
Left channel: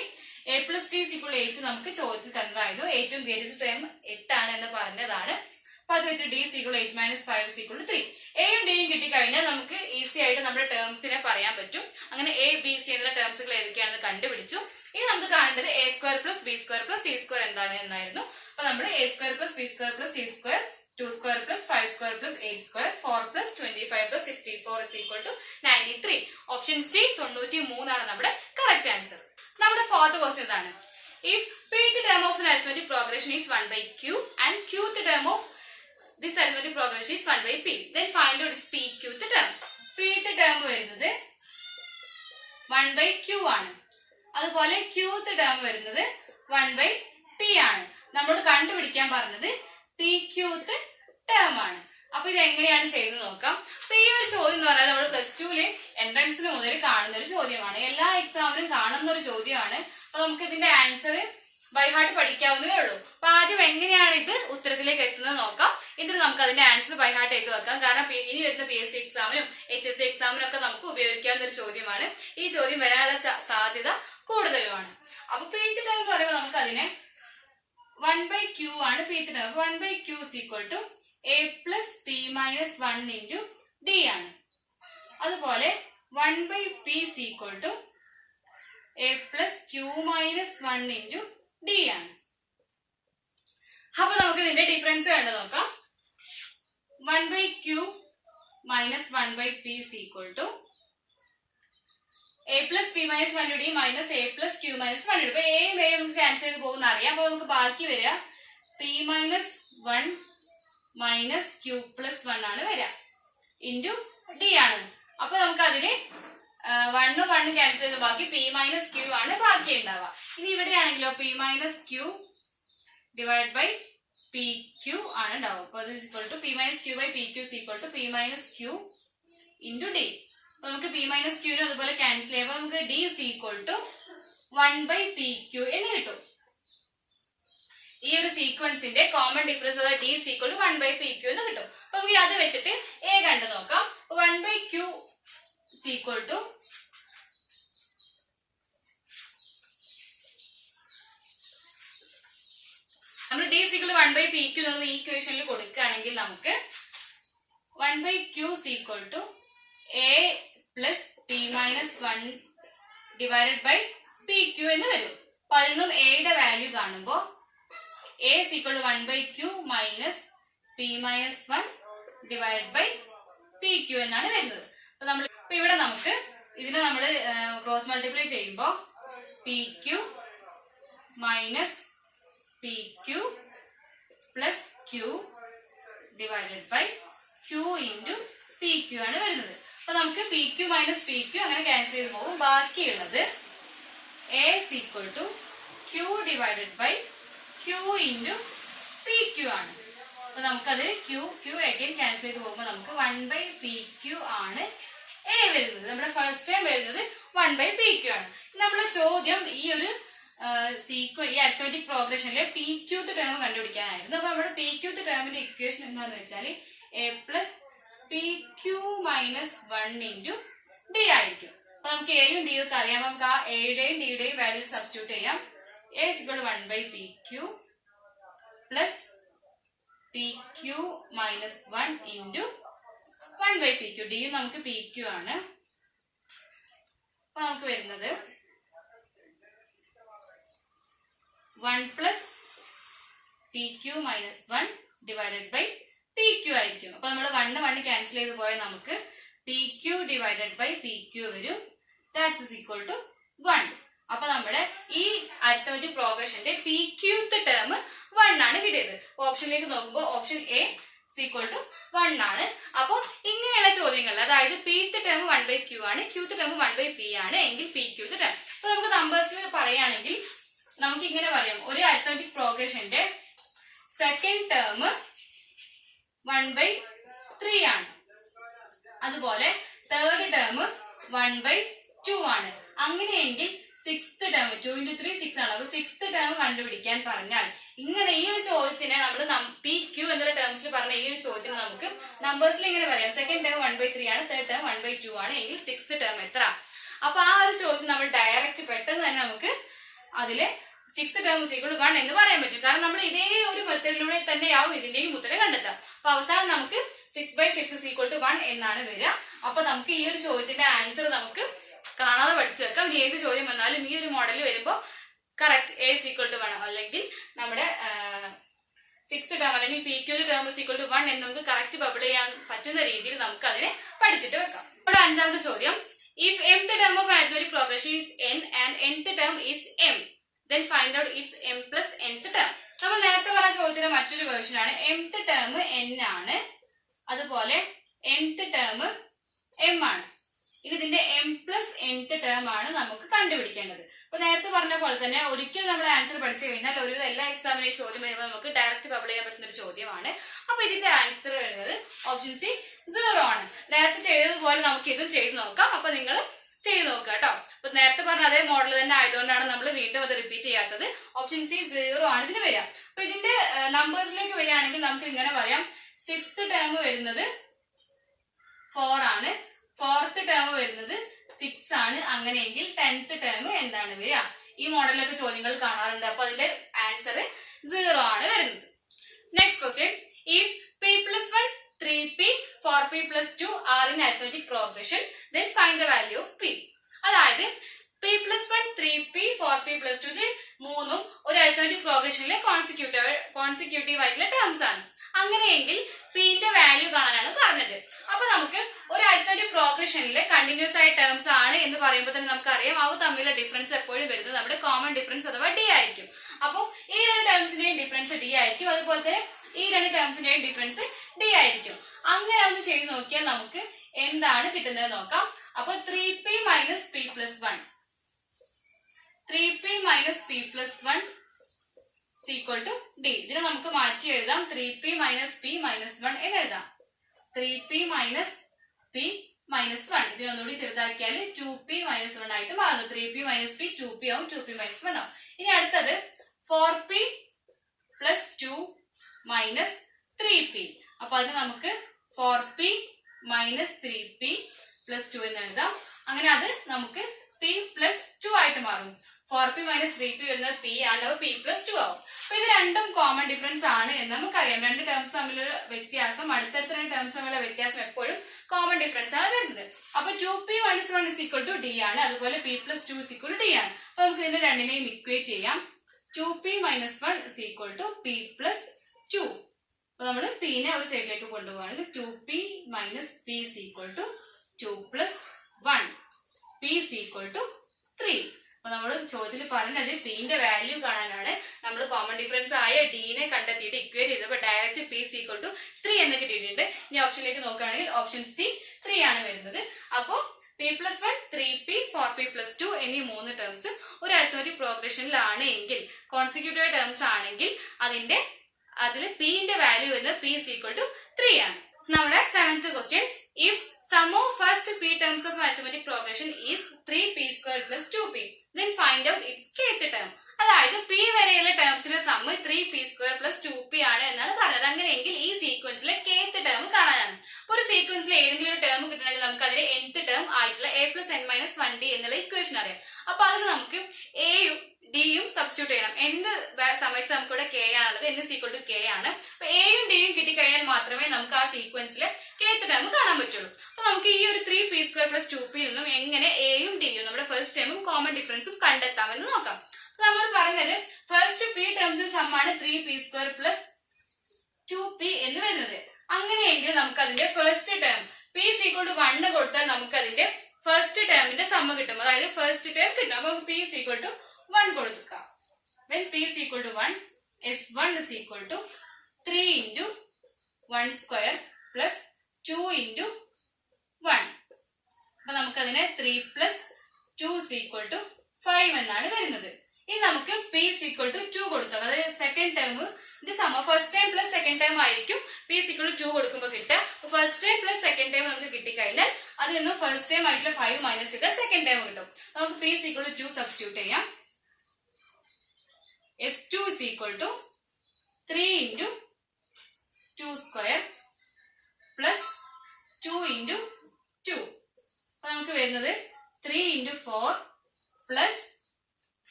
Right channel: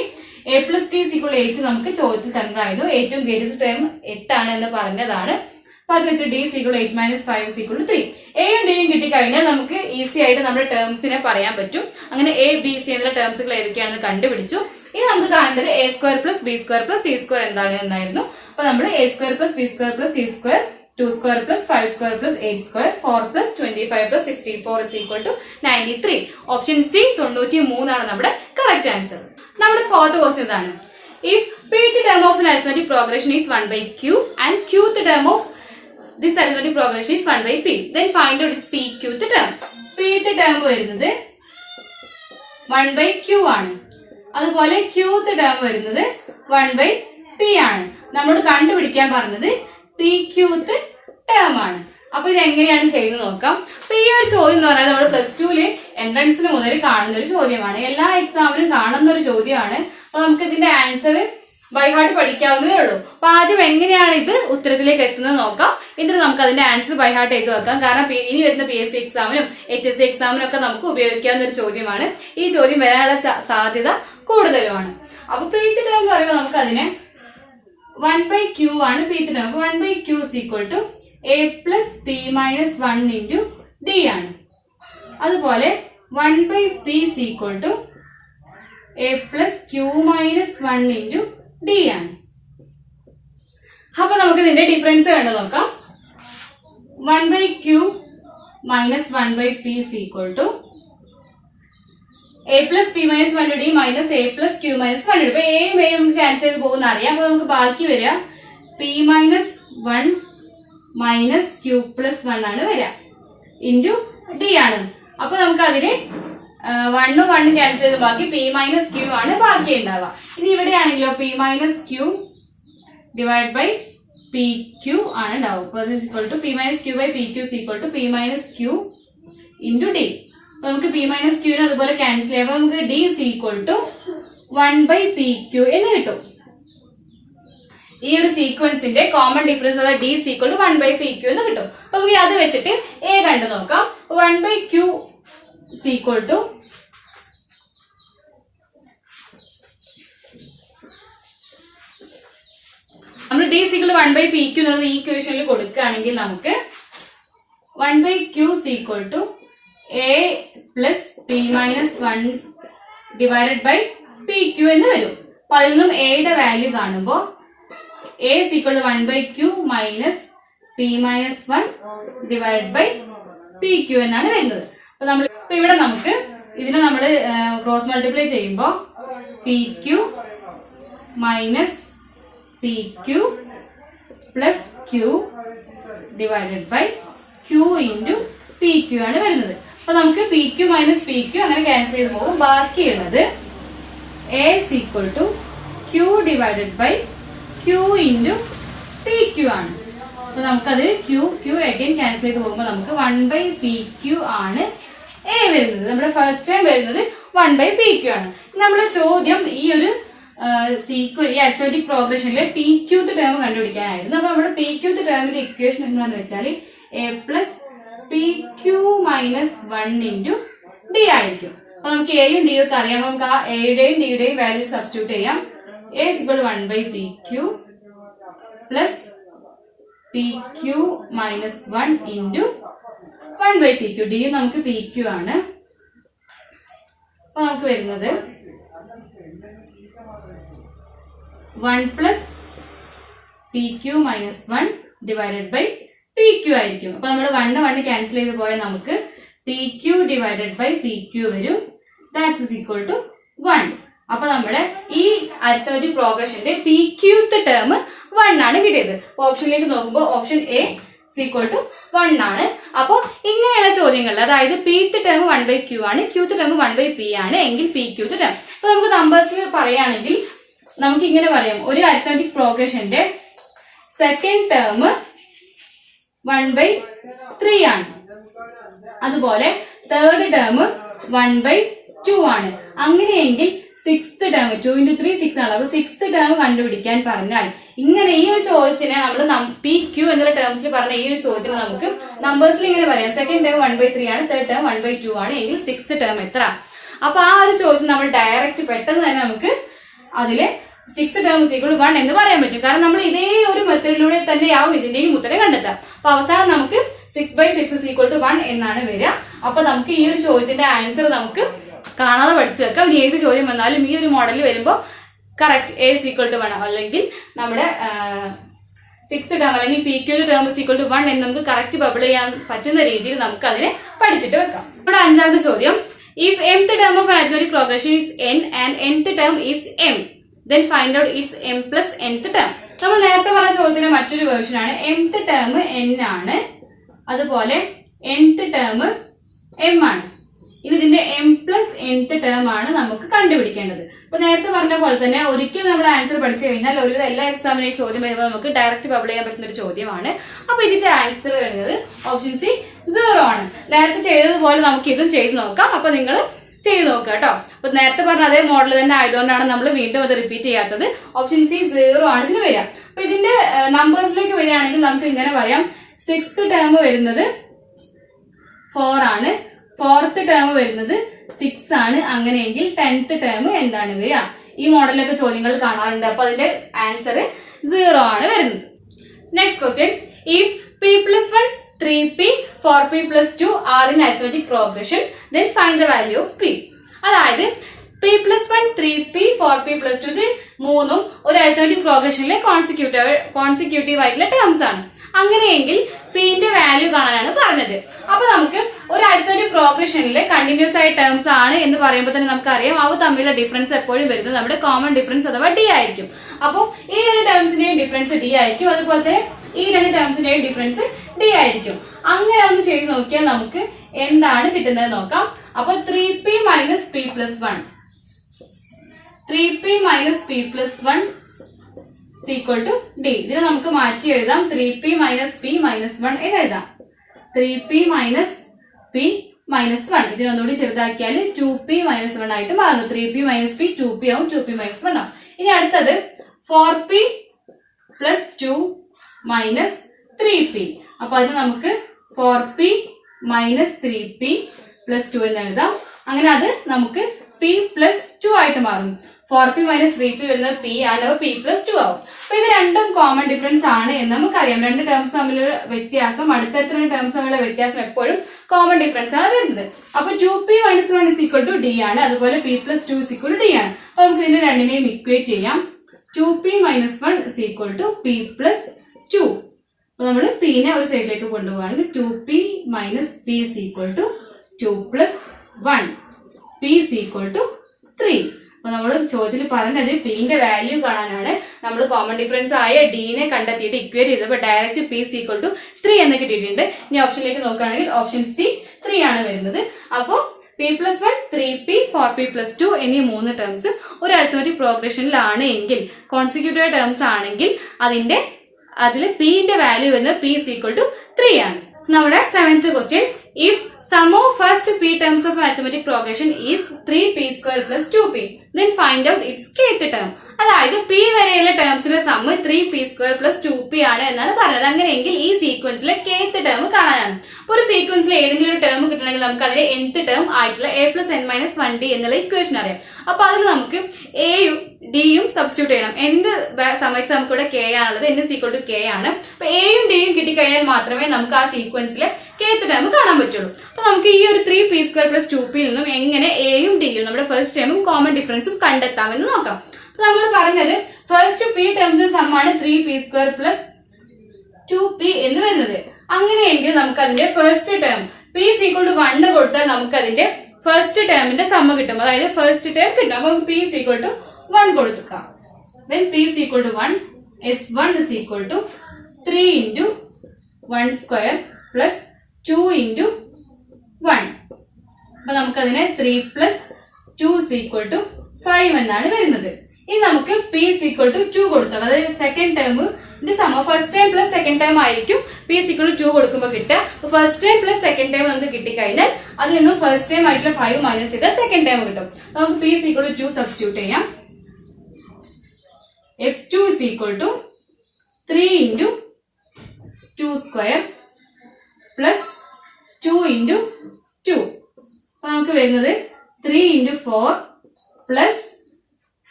a+t=8 നമുക്ക് ചോദ്യത്തിൽ തന്നതായിരുന്നു. ഏറ്റവും ഗ്രേറ്റസ്റ്റ് ടേം 8 ആണ് എന്ന് പറഞ്ഞതാണ്. അപ്പൊ അത് വെച്ച് d=8 - 5 3. എയും ഡിയും കിട്ടിക്കഴിഞ്ഞാൽ നമുക്ക് ഈസി ആയിട്ട് നമ്മുടെ ടേംസിനെ പറയാൻ പറ്റും. അങ്ങനെ എ ബി സി എന്ന ടേംസുകൾ ഏതൊക്കെയാണെന്ന് കണ്ടുപിടിച്ചു. ഇനി നമുക്ക് കാണേണ്ടത് a² + b² + c² എന്താണ് എന്നായിരുന്നു. അപ്പൊ നമ്മൾ a² + b² + c², 2² + 5² + 8², 4 + 25 + 64 = 93. Option C 93 ആണ് നമ്മുടെ കറക്റ്റ് ആൻസർ. നമ്മുടെ ഫോർത്ത് ക്വസ്റ്റ്യൻ ഇതാണ്. If pth term of an arithmetic progression is 1/q and qth term of this arithmetic progression is 1/p, then find out its pqth term. pth term വരുന്നത് 1/q ആണ്. അതുപോലെ qth term വരുന്നത് 1/p ആണ്. നമ്മൾ കണ്ടുപിടിക്കാൻ പറഞ്ഞത് pqth term ആണ്. അപ്പൊ ഇത് എങ്ങനെയാണ് ചെയ്ത് നോക്കാം. അപ്പൊ ഈ ഒരു ചോദ്യം എന്ന് പറഞ്ഞാൽ നമ്മൾ +2 എൻട്രൻസിന് മുതൽ കാണുന്ന ഒരു ചോദ്യമാണ്. എല്ലാ എക്സാമിനും കാണുന്ന ഒരു ചോദ്യമാണ്. അപ്പൊ നമുക്ക് ഇതിന്റെ ആൻസർ ബൈ ഹാർട്ട് പഠിക്കാവുന്നതേ ഉള്ളൂ. അപ്പൊ ആദ്യം എങ്ങനെയാണ് ഇത് ഉത്തരത്തിലേക്ക് എത്തുന്നത് നോക്കാം. എന്നിട്ട് നമുക്ക് അതിന്റെ ആൻസർ ബൈ ഹാർട്ട് ചെയ്ത് വെക്കാം. കാരണം ഇനി വരുന്ന PSC എക്സാമിനും HSC എക്സാമിനും ഒക്കെ നമുക്ക് ഉപയോഗിക്കാവുന്ന ഒരു ചോദ്യമാണ്. ഈ ചോദ്യം വരാനുള്ള സാധ്യത കൂടുതലുമാണ്. അപ്പൊ pth term എന്ന് പറയുമ്പോൾ നമുക്ക് അതിനെ 1/q ആണ് pth term. 1/q = a + p - 1 × d ആണ്. അതുപോലെ 1/p = a + q - 1 × d ആണ്. അപ്പൊ നമുക്ക് ഇതിന്റെ ഡിഫറൻസ് കണ്ടു നോക്കാം. 1/q - 1/p = a + p - 1 × d - a + q - 1 × d. അപ്പൊ എയും എയും നമുക്ക് ക്യാൻസൽ ചെയ്ത് പോകുന്ന അറിയാം. അപ്പൊ നമുക്ക് ബാക്കി വരിക p - 1 - q + 1 ആണ് വരിക ഇൻറ്റു d ആണ്. അപ്പൊ നമുക്ക് അതിന് 1 ഉം 1 ക്യാൻസൽ ചെയ്ത് ബാക്കി p - q ആണ് ബാക്കി ഉണ്ടാവുക. ഇനി ഇവിടെയാണെങ്കിലോ p - q / pq ആണ് ഉണ്ടാവുക. അപ്പൊ p - q/pq = p - q × d. അപ്പൊ നമുക്ക് p - q അതുപോലെ ക്യാൻസൽ ചെയ്യുമ്പോൾ നമുക്ക് d = 1/pq എന്ന് കിട്ടും. ഈ ഒരു സീക്വൻസിന്റെ കോമൺ ഡിഫറൻസ് d = 1/pq എന്ന് കിട്ടും. അപ്പൊ നമുക്ക് അത് വെച്ചിട്ട് a കണ്ടു നോക്കാം. 1/q = നമ്മൾ d = 1/pq എന്നുള്ളത് ഈ ഇക്വേഷനിൽ കൊടുക്കുകയാണെങ്കിൽ നമുക്ക് 1/q = a + p - 1 / pq എന്ന് വരും. അപ്പൊ അതിൽ നിന്നും a യുടെ വാല്യൂ കാണുമ്പോൾ a = 1/q - p - 1 / pq എന്നാണ് വരുന്നത്. അപ്പൊ ഇവിടെ നമുക്ക് ഇതിനെ നമ്മൾ ക്രോസ് മൾട്ടിപ്ലൈ ചെയ്യുമ്പോൾ pq - pq + q / q × pq ആണ് വരുന്നത്. അപ്പൊ നമുക്ക് pq - pq അങ്ങനെ ക്യാൻസൽ ചെയ്ത് പോകും. ബാക്കിയുള്ളത് a = q / q × pq ആണ്. അപ്പൊ നമുക്കത് q അഗൈൻ ക്യാൻസൽ ചെയ്ത് പോകുമ്പോൾ നമുക്ക് 1/pq ആണ് a വരുന്നത്. നമ്മുടെ ഫസ്റ്റ് ടൈം വരുന്നത് 1/pq ആണ്. നമ്മുടെ ചോദ്യം ഈ ഒരു ഈ അരിത്മെറ്റിക് പ്രോഗ്രഷനിലെ pqth ടേം കണ്ടുപിടിക്കാനായിരുന്നു. അപ്പൊ നമ്മുടെ pqth ടേമിന്റെ ഇക്വേഷൻ എന്താണെന്ന് വെച്ചാൽ a + pq - 1 × d ആയിരിക്കും. അപ്പൊ നമുക്ക് എയും ഡിയും ഒക്കെ അറിയാം. നമുക്ക് ആ എയുടെയും ഡിയുടെയും വാല്യൂ സബ്സ്റ്റിറ്റ്യൂട്ട് ചെയ്യാം. a = 1/pq + pq - 1 × 1/pq. d നമുക്ക് pq ആണ്. അപ്പൊ നമുക്ക് വരുന്നത് 1 + pq - 1 / pq ആയിരിക്കും. അപ്പൊ നമ്മൾ 1 ക്യാൻസൽ ചെയ്ത് പോയാൽ നമുക്ക് pq / pq വരും. ദാറ്റ്സ് = 1. അപ്പൊ നമ്മുടെ ഈ അരിത്മെറ്റിക് പ്രോഗ്രഷന്റെ pqth ടേം 1 ആണ് കിട്ടിയത്. ഓപ്ഷനിലേക്ക് നോക്കുമ്പോൾ ഓപ്ഷൻ a = 1 ആണ്. അപ്പൊ ഇങ്ങനെയുള്ള ചോദ്യങ്ങളിൽ അതായത് pth ടേം 1/q ആണ്, qth ടേം 1/p ആണ് എങ്കിൽ pqth ടേം. അപ്പൊ നമുക്ക് നമ്പേഴ്സിൽ പറയുകയാണെങ്കിൽ നമുക്ക് ഇങ്ങനെ പറയാം. ഒരു അരിത്മെറ്റിക് പ്രോഗ്രഷന്റെ സെക്കൻഡ് ടേം 1/3 ആണ്. അതുപോലെ തേർഡ് ടേം 1/2 ആണ്. അങ്ങനെയെങ്കിൽ സിക്സ്ത് ടേം 2 × 3 6 ആണ്. അപ്പൊ സിക്സ്ത് ടേം കണ്ടുപിടിക്കാൻ പറഞ്ഞാൽ ഇങ്ങനെ ഈ ഒരു ചോദ്യത്തിന് നമ്മൾ pq എന്നുള്ള ടേംസിൽ പറഞ്ഞ ഈ ഒരു ചോദ്യത്തിന് നമുക്ക് നമ്പേഴ്സിൽ ഇങ്ങനെ പറയാം. സെക്കൻഡ് ടേം 1/3 ആണ്, തേർഡ് ടേം 1/2 ആണ് എങ്കിൽ സിക്സ്ത് ടേം എത്ര? അപ്പൊ ആ ഒരു ചോദ്യം നമ്മൾ ഡയറക്റ്റ് പെട്ടെന്ന് തന്നെ നമുക്ക് അതിലെ 6th term is equal to 1 എന്ന് പറയാൻ പറ്റും. കാരണം നമ്മൾ ഇതേ ഒരു മെത്തേഡിലൂടെ തന്നെയാവും ഇതിന്റെയും ഉത്തരം കണ്ടെത്താം. അപ്പൊ അവസാനം നമുക്ക് 6/6 ഈസ് ഈക്വൽ ടു 1 എന്നാണ് വരിക. അപ്പൊ നമുക്ക് ഈ ഒരു ചോദ്യത്തിന്റെ ആൻസർ നമുക്ക് കാണാതെ പഠിച്ചു വെക്കാം. ഇനി ഏത് ചോദ്യം വന്നാലും ഈ ഒരു മോഡലിൽ വരുമ്പോൾ correct a is equal to 1 അല്ലെങ്കിൽ നമ്മുടെ 6th ടേം അല്ലെങ്കിൽ PQ term is equal to 1 എന്ന് നമുക്ക് കറക്റ്റ് ബബിൾ ചെയ്യാൻ പറ്റുന്ന രീതിയിൽ നമുക്ക് അതിനെ പഠിച്ചിട്ട് വെക്കാം. ഇവിടെ 5ാമത്തെ ചോദ്യം, if mth term of arithmetic progression is n and nth term is m, then find out its m plus nth term. നമ്മൾ നേരത്തെ പറഞ്ഞ ചോദ്യത്തിന്റെ മറ്റൊരു വേർഷൻ ആണ്. mth ടേം n ആണ്, അതുപോലെ nth ടേം m ആണ്. ഇനി ഇതിന്റെ m പ്ലസ് nth ടേം ആണ് നമുക്ക് കണ്ടുപിടിക്കേണ്ടത്. അപ്പൊ നേരത്തെ പറഞ്ഞ പോലെ തന്നെ ഒരിക്കൽ നമ്മുടെ ആൻസർ പഠിച്ചു കഴിഞ്ഞാൽ ഒരു എല്ലാ എക്സാമിനും ഈ ചോദ്യം വരുമ്പോൾ നമുക്ക് ഡയറക്റ്റ് ബബിൾ ചെയ്യാൻ പറ്റുന്ന ഒരു ചോദ്യമാണ്. അപ്പൊ ഇതിന്റെ ആൻസർ വരുന്നത് ഓപ്ഷൻ സി 0 ആണ്. നേരത്തെ ചെയ്തതുപോലെ നമുക്ക് ഇതും ചെയ്ത് നോക്കാം. അപ്പൊ നിങ്ങൾ ചെയ്ത് നോക്കുക കേട്ടോ. അപ്പൊ നേരത്തെ പറഞ്ഞ അതേ മോഡൽ തന്നെ ആയതുകൊണ്ടാണ് നമ്മൾ വീണ്ടും അത് റിപ്പീറ്റ് ചെയ്യാത്തത്. ഓപ്ഷൻ സി 0 ആണ് ഇതിന് വരിക. അപ്പൊ ഇതിന്റെ നമ്പേഴ്സിലേക്ക് വരികയാണെങ്കിൽ നമുക്ക് ഇങ്ങനെ പറയാം, 6th ടേം വരുന്നത് 4 ആണ്, 4th ടേം വരുന്നത് 6 ആണ്. അങ്ങനെയെങ്കിൽ 10th ടേം എന്താണ് വരിക? ഈ മോഡലിലൊക്കെ ചോദ്യങ്ങൾ കാണാറുണ്ട്. അപ്പൊ അതിന്റെ ആൻസർ 0 ആണ് വരുന്നത്. Next question, if p plus 1, 3p, 4p plus 2 are in arithmetic progression, then find the value of p. അതായത് p plus 1, 3p, 4p plus 2 ഇത് മൂന്നും ഒരു അരിത്മെറ്റിക് പ്രോഗ്രഷനിലെ കോൺസിക്യൂട്ടീവ് ആയിട്ടുള്ള ടേംസ് ആണ്. അങ്ങനെയെങ്കിൽ പിന്റെ വാല്യൂ കാണാനാണ് പറഞ്ഞത്. അപ്പൊ നമുക്ക് ഒരു അരിത്മെറ്റിക് പ്രോഗ്രഷനിലെ കണ്ടിന്യൂസ് ആയ ടേംസ് ആണ് എന്ന് പറയുമ്പോൾ തന്നെ നമുക്കറിയാം അവ തമ്മിലുള്ള ഡിഫറൻസ് എപ്പോഴും വരുന്നത് നമ്മുടെ കോമൺ ഡിഫറൻസ് അഥവാ ഡി ആയിരിക്കും. അപ്പോൾ ഈ രണ്ട് ടേംസിന്റെയും ഡിഫറൻസ് ഡി ആയിരിക്കും, അതുപോലെ തന്നെ ഈ രണ്ട് ടേംസിന്റെയും ഡിഫറൻസ് ഡി ആയിരിക്കും. അങ്ങനെ ഒന്ന് ചെയ്ത് നോക്കിയാൽ നമുക്ക് എന്താണ് കിട്ടുന്നത് നോക്കാം. അപ്പൊ 3p minus p plus 1, 3p minus p plus 1 is equal to d. ഇതിനെ നമുക്ക് മാറ്റി എഴുതാം, 3p minus p minus 1 എന്ന് എഴുതാം. 3p minus p minus 1 ഇതിനൊന്നുകൂടി ചെറുതാക്കിയാൽ 2p minus 1 ആയിട്ട് മാറുന്നു. 3p minus p 2p ആവും, 2p minus 1 ആവും. ഇനി അടുത്തത് 4p plus 2 minus 3p. അപ്പൊ അത് നമുക്ക് 4p minus 3p plus 2 എന്ന് എഴുതാം. അങ്ങനെ അത് നമുക്ക് p plus 2 ആയിട്ട് മാറും. 4p minus 3p വരുന്നത് p ആണ്, p plus 2 ആവും. അപ്പൊ ഇത് രണ്ടും കോമൺ ഡിഫറൻസ് ആണ് എന്ന് നമുക്കറിയാം. രണ്ട് ടേംസ് തമ്മിലുള്ള വ്യത്യാസം, അടുത്തടുത്ത ടേംസ് തമ്മിലുള്ള വ്യത്യാസം എപ്പോഴും കോമൺ ഡിഫറൻസ് ആണ് വരുന്നത്. അപ്പൊ 2p minus 1 is equal to d ആണ്, അതുപോലെ p plus 2 is equal to d ആണ്. അപ്പൊ നമുക്ക് ഇതിനെ രണ്ടിനെയും ഇക്വേറ്റ് ചെയ്യാം. 2p minus 1 is equal to p plus 2. അപ്പൊ നമ്മൾ p നെ ഒരു സൈഡിലേക്ക് കൊണ്ടുപോകുകയാണെങ്കിൽ 2p minus p is equal to 2 plus 1. p is equal to 3. അപ്പൊ നമ്മൾ ചോദ്യത്തിൽ പറഞ്ഞത് പിന്റെ വാല്യൂ കാണാനാണ്. നമ്മൾ കോമൺ ഡിഫറൻസ് ആയ ഡിനെ കണ്ടെത്തിയിട്ട് ഇക്വേറ്റ് ചെയ്തപ്പോൾ direct p is equal to 3 എന്ന് കിട്ടിയിട്ടുണ്ട്. ഇനി ഓപ്ഷനിലേക്ക് നോക്കുകയാണെങ്കിൽ ഓപ്ഷൻ സി 3 ആണ് വരുന്നത്. അപ്പോൾ p plus 1, 3p, 4p plus 2 എന്നീ മൂന്ന് ടേംസ് ഒരു അരിത്മെറ്റിക് പ്രോഗ്രഷനിലാണ് എങ്കിൽ, കോൺസിക്യൂട്ടീവ് ടേംസ് ആണെങ്കിൽ അതിൽ പിന്റെ വാല്യൂ വരുന്നത് p is equal to 3 ആണ്. നമ്മുടെ 7th question, if sum of first p terms of arithmetic progression is 3p square plus 2p, then find out its kth term. അതായത് p വരെയുള്ള ടേംസിന്റെ some 3p square plus 2p ആണ് എന്നാണ് പറഞ്ഞത്. അങ്ങനെയെങ്കിൽ ഈ സീക്വൻസിലെ kth term കാണാനാണ്. അപ്പൊ ഒരു സീക്വൻസിൽ ഏതെങ്കിലും ഒരു ടേം കിട്ടണമെങ്കിൽ നമുക്ക് അതിന്റെ nth ടേം ആയിട്ടുള്ള a plus n minus 1d എന്നുള്ള ഇക്വേഷൻ അറിയാം. അപ്പൊ അതിൽ നമുക്ക് എയും ഡിയും സബ്സ്റ്റിറ്റ്യൂട്ട് ചെയ്യണം. എന്ത് സമയത്ത് നമുക്ക് ഇവിടെ k ആണുള്ളത്, n is equal to k ആണ്. അപ്പൊ എയും ഡിയും കിട്ടിക്കഴിഞ്ഞാൽ മാത്രമേ നമുക്ക് ആ സീക്വൻസിലെ kth ടേം കാണാൻ പറ്റുള്ളൂ. അപ്പൊ നമുക്ക് ഈ ഒരു 3p square plus 2p നിന്നും എങ്ങനെ എയും ഡിയും നമ്മുടെ ഫസ്റ്റ് ടേമും കോമൺ ഡിഫറൻസും കണ്ടെത്താമെന്ന് നോക്കാം. അപ്പൊ നമ്മൾ പറഞ്ഞത് ഫസ്റ്റ് p ടേംസിന്റെ സം ആണ് 3p square plus 2p എന്ന് വരുന്നത്. അങ്ങനെയെങ്കിൽ നമുക്ക് അതിന്റെ first term p is equal to 1 കൊടുത്താൽ നമുക്ക് അതിന്റെ ഫസ്റ്റ് ടേമിന്റെ സം കിട്ടും, അതായത് ഫസ്റ്റ് ടേം കിട്ടും. അപ്പൊ p is equal to 1 കൊടുക്കാം. then p is equal to 1, s1 is equal to 3 into 1 square plus 2 into 1. അപ്പൊ നമുക്കതിനെ 3 plus 2 is equal to 5 എന്നാണ് വരുന്നത്. ഇനി നമുക്ക് p is equal to 2 കൊടുത്താൽ, അതായത് സെക്കൻഡ് ടേമിന്റെ സമ first time plus second time ആയിരിക്കും p is equal to 2 കൊടുക്കുമ്പോൾ കിട്ടുക. First time plus second time നമുക്ക് കിട്ടിക്കഴിഞ്ഞാൽ അതിൽ നിന്നും ഫസ്റ്റ് ടൈം ആയിട്ടുള്ള 5 മൈനസ് ചെയ്താൽ സെക്കൻഡ് ടൈം കിട്ടും. നമുക്ക് p is equal to 2 substitute ചെയ്യാം. s2 is equal to 3 into 2 square plus 2 into 2. അപ്പൊ നമുക്ക് വരുന്നത് 3 into 4 plus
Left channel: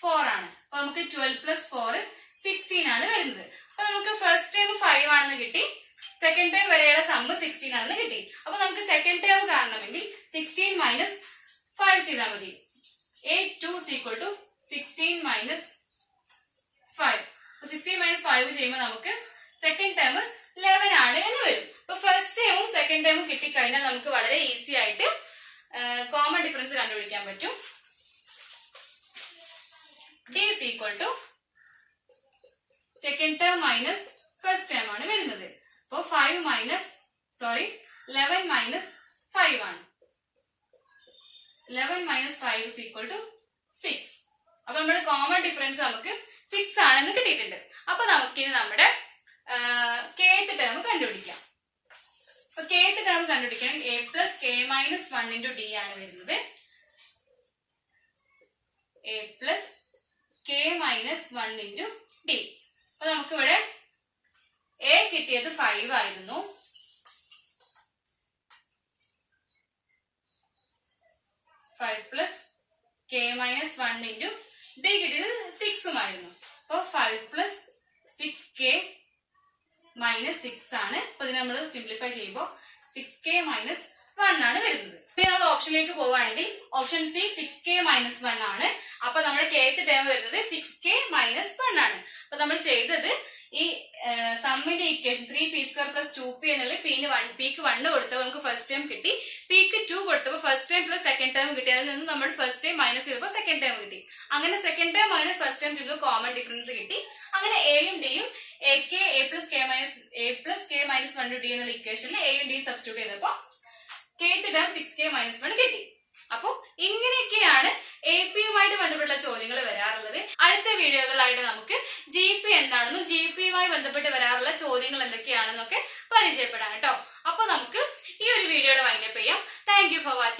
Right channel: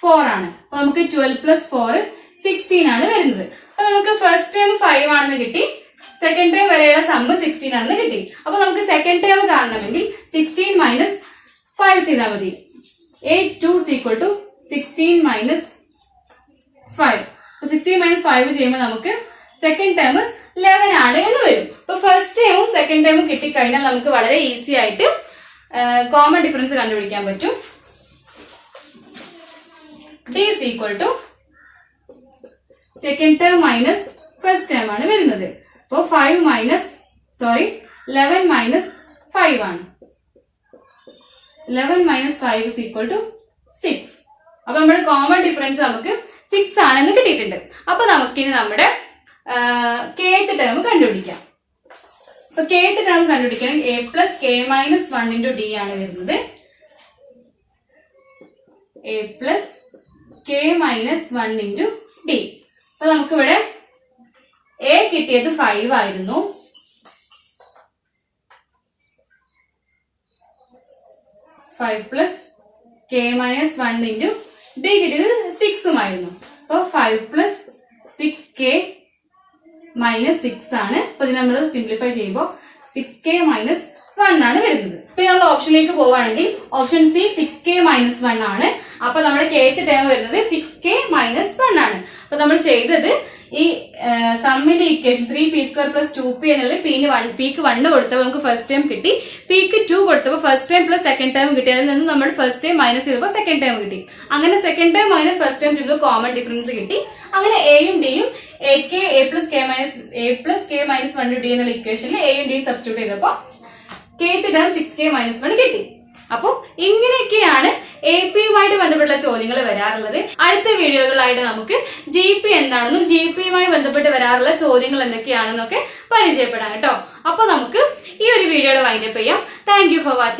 4 ആണ്. അപ്പൊ നമുക്ക് 12 പ്ലസ് 4 16 ആണ് വരുന്നത്. അപ്പൊ നമുക്ക് ഫസ്റ്റ് ടൈം 5 ആണെന്ന് കിട്ടി, സെക്കൻഡ് ടൈം വരെയുള്ള സമ്മ് 16 ആണെന്ന് കിട്ടി. അപ്പൊ നമുക്ക് സെക്കൻഡ് ടൈം കാണണമെങ്കിൽ 16 മൈനസ് 5 ചെയ്താൽ മതി. 8 2 16 മൈനസ് 5. 16 മൈനസ് 5 ചെയ്യുമ്പോൾ നമുക്ക് സെക്കൻഡ് ടൈം 11 ആണ് എന്ന് വരും. അപ്പൊ ഫസ്റ്റ് ടൈമും സെക്കൻഡ് ടൈമും കിട്ടിക്കഴിഞ്ഞാൽ നമുക്ക് വളരെ ഈസി ആയിട്ട് കോമൺ ഡിഫറൻസ് കണ്ടുപിടിക്കാൻ പറ്റും. d is equal to second term minus first term ആണ് വരുന്നത്. അപ്പോൾ 11 മൈനസ് 5 ആണ്. 11 മൈനസ് 5 is equal to 6. അപ്പൊ നമ്മുടെ കോമൺ ഡിഫറൻസ് നമുക്ക് 6 ആണെന്ന് കിട്ടിയിട്ടുണ്ട്. അപ്പൊ നമുക്കിനി നമ്മുടെ kth ടേം കണ്ടുപിടിക്കാം. അപ്പൊ kth ടേം കണ്ടുപിടിക്കാൻ a plus k minus 1 into d ആണ് വരുന്നത്. a plus k minus 1 into d. അപ്പൊ നമുക്കിവിടെ a കിട്ടിയത് 5 ആയിരുന്നു. Plus k minus 1 into d കിട്ടിയത് 6 ആയിരുന്നു. അപ്പൊ 5 പ്ലസ് 6k മൈനസ് 6 ആണ്. അപ്പൊ ഇത് നമ്മൾ സിംപ്ലിഫൈ ചെയ്യുമ്പോൾ 6k മൈനസ് 1 ആണ് വരുന്നത്. ഇപ്പൊ നമ്മൾ ഓപ്ഷനിലേക്ക് പോവുകയാണെങ്കിൽ ഓപ്ഷൻ സി 6k മൈനസ് 1 ആണ്. അപ്പൊ നമ്മുടെ kth ടേം വരുന്നത് 6k മൈനസ് 1 ആണ്. അപ്പൊ നമ്മൾ ചെയ്തത് ഈ സമ്മിന്റെ ഇക്വേഷൻ 3p² പ്ലസ് 2p എന്നുള്ളത് pക്ക് 1 കൊടുത്തപ്പോൾ നമുക്ക് ഫസ്റ്റ് ടൈം കിട്ടി, pക്ക് 2 കൊടുത്തപ്പോൾ first time plus second time കിട്ടി. അതിൽ നിന്ന് നമ്മൾ ഫസ്റ്റ് ടൈം മൈനസ് ചെയ്തപ്പോൾ സെക്കൻഡ് ടൈം കിട്ടി. അങ്ങനെ second time minus first time ചെയ്തപ്പോൾ കോമൺ ഡിഫറൻസ് കിട്ടി. അങ്ങനെ എയും ഡിയും a plus k minus 1 d എന്നുള്ള ഇക്വേഷനിൽ എയും ഡിയും സബ്സ്റ്റിറ്റ്യൂട്ട് ചെയ്തപ്പോൾ kth ടേം 6k മൈനസ് 1 കിട്ടി. അപ്പോൾ ഇങ്ങനെയൊക്കെയാണ് AP യുമായിട്ട് ബന്ധപ്പെട്ട ചോദ്യങ്ങൾ വരാറുള്ളത്. അടുത്ത വീഡിയോകളായിട്ട് നമുക്ക് GP എന്താണെന്നും GP യുമായി ബന്ധപ്പെട്ട് വരാറുള്ള ചോദ്യങ്ങൾ എന്തൊക്കെയാണെന്നൊക്കെ പരിചയപ്പെടാം കേട്ടോ. അപ്പൊ നമുക്ക് ഈ ഒരു വീഡിയോയുടെ വൈൻഡപ്പ് ചെയ്യാം. Thank you for watching.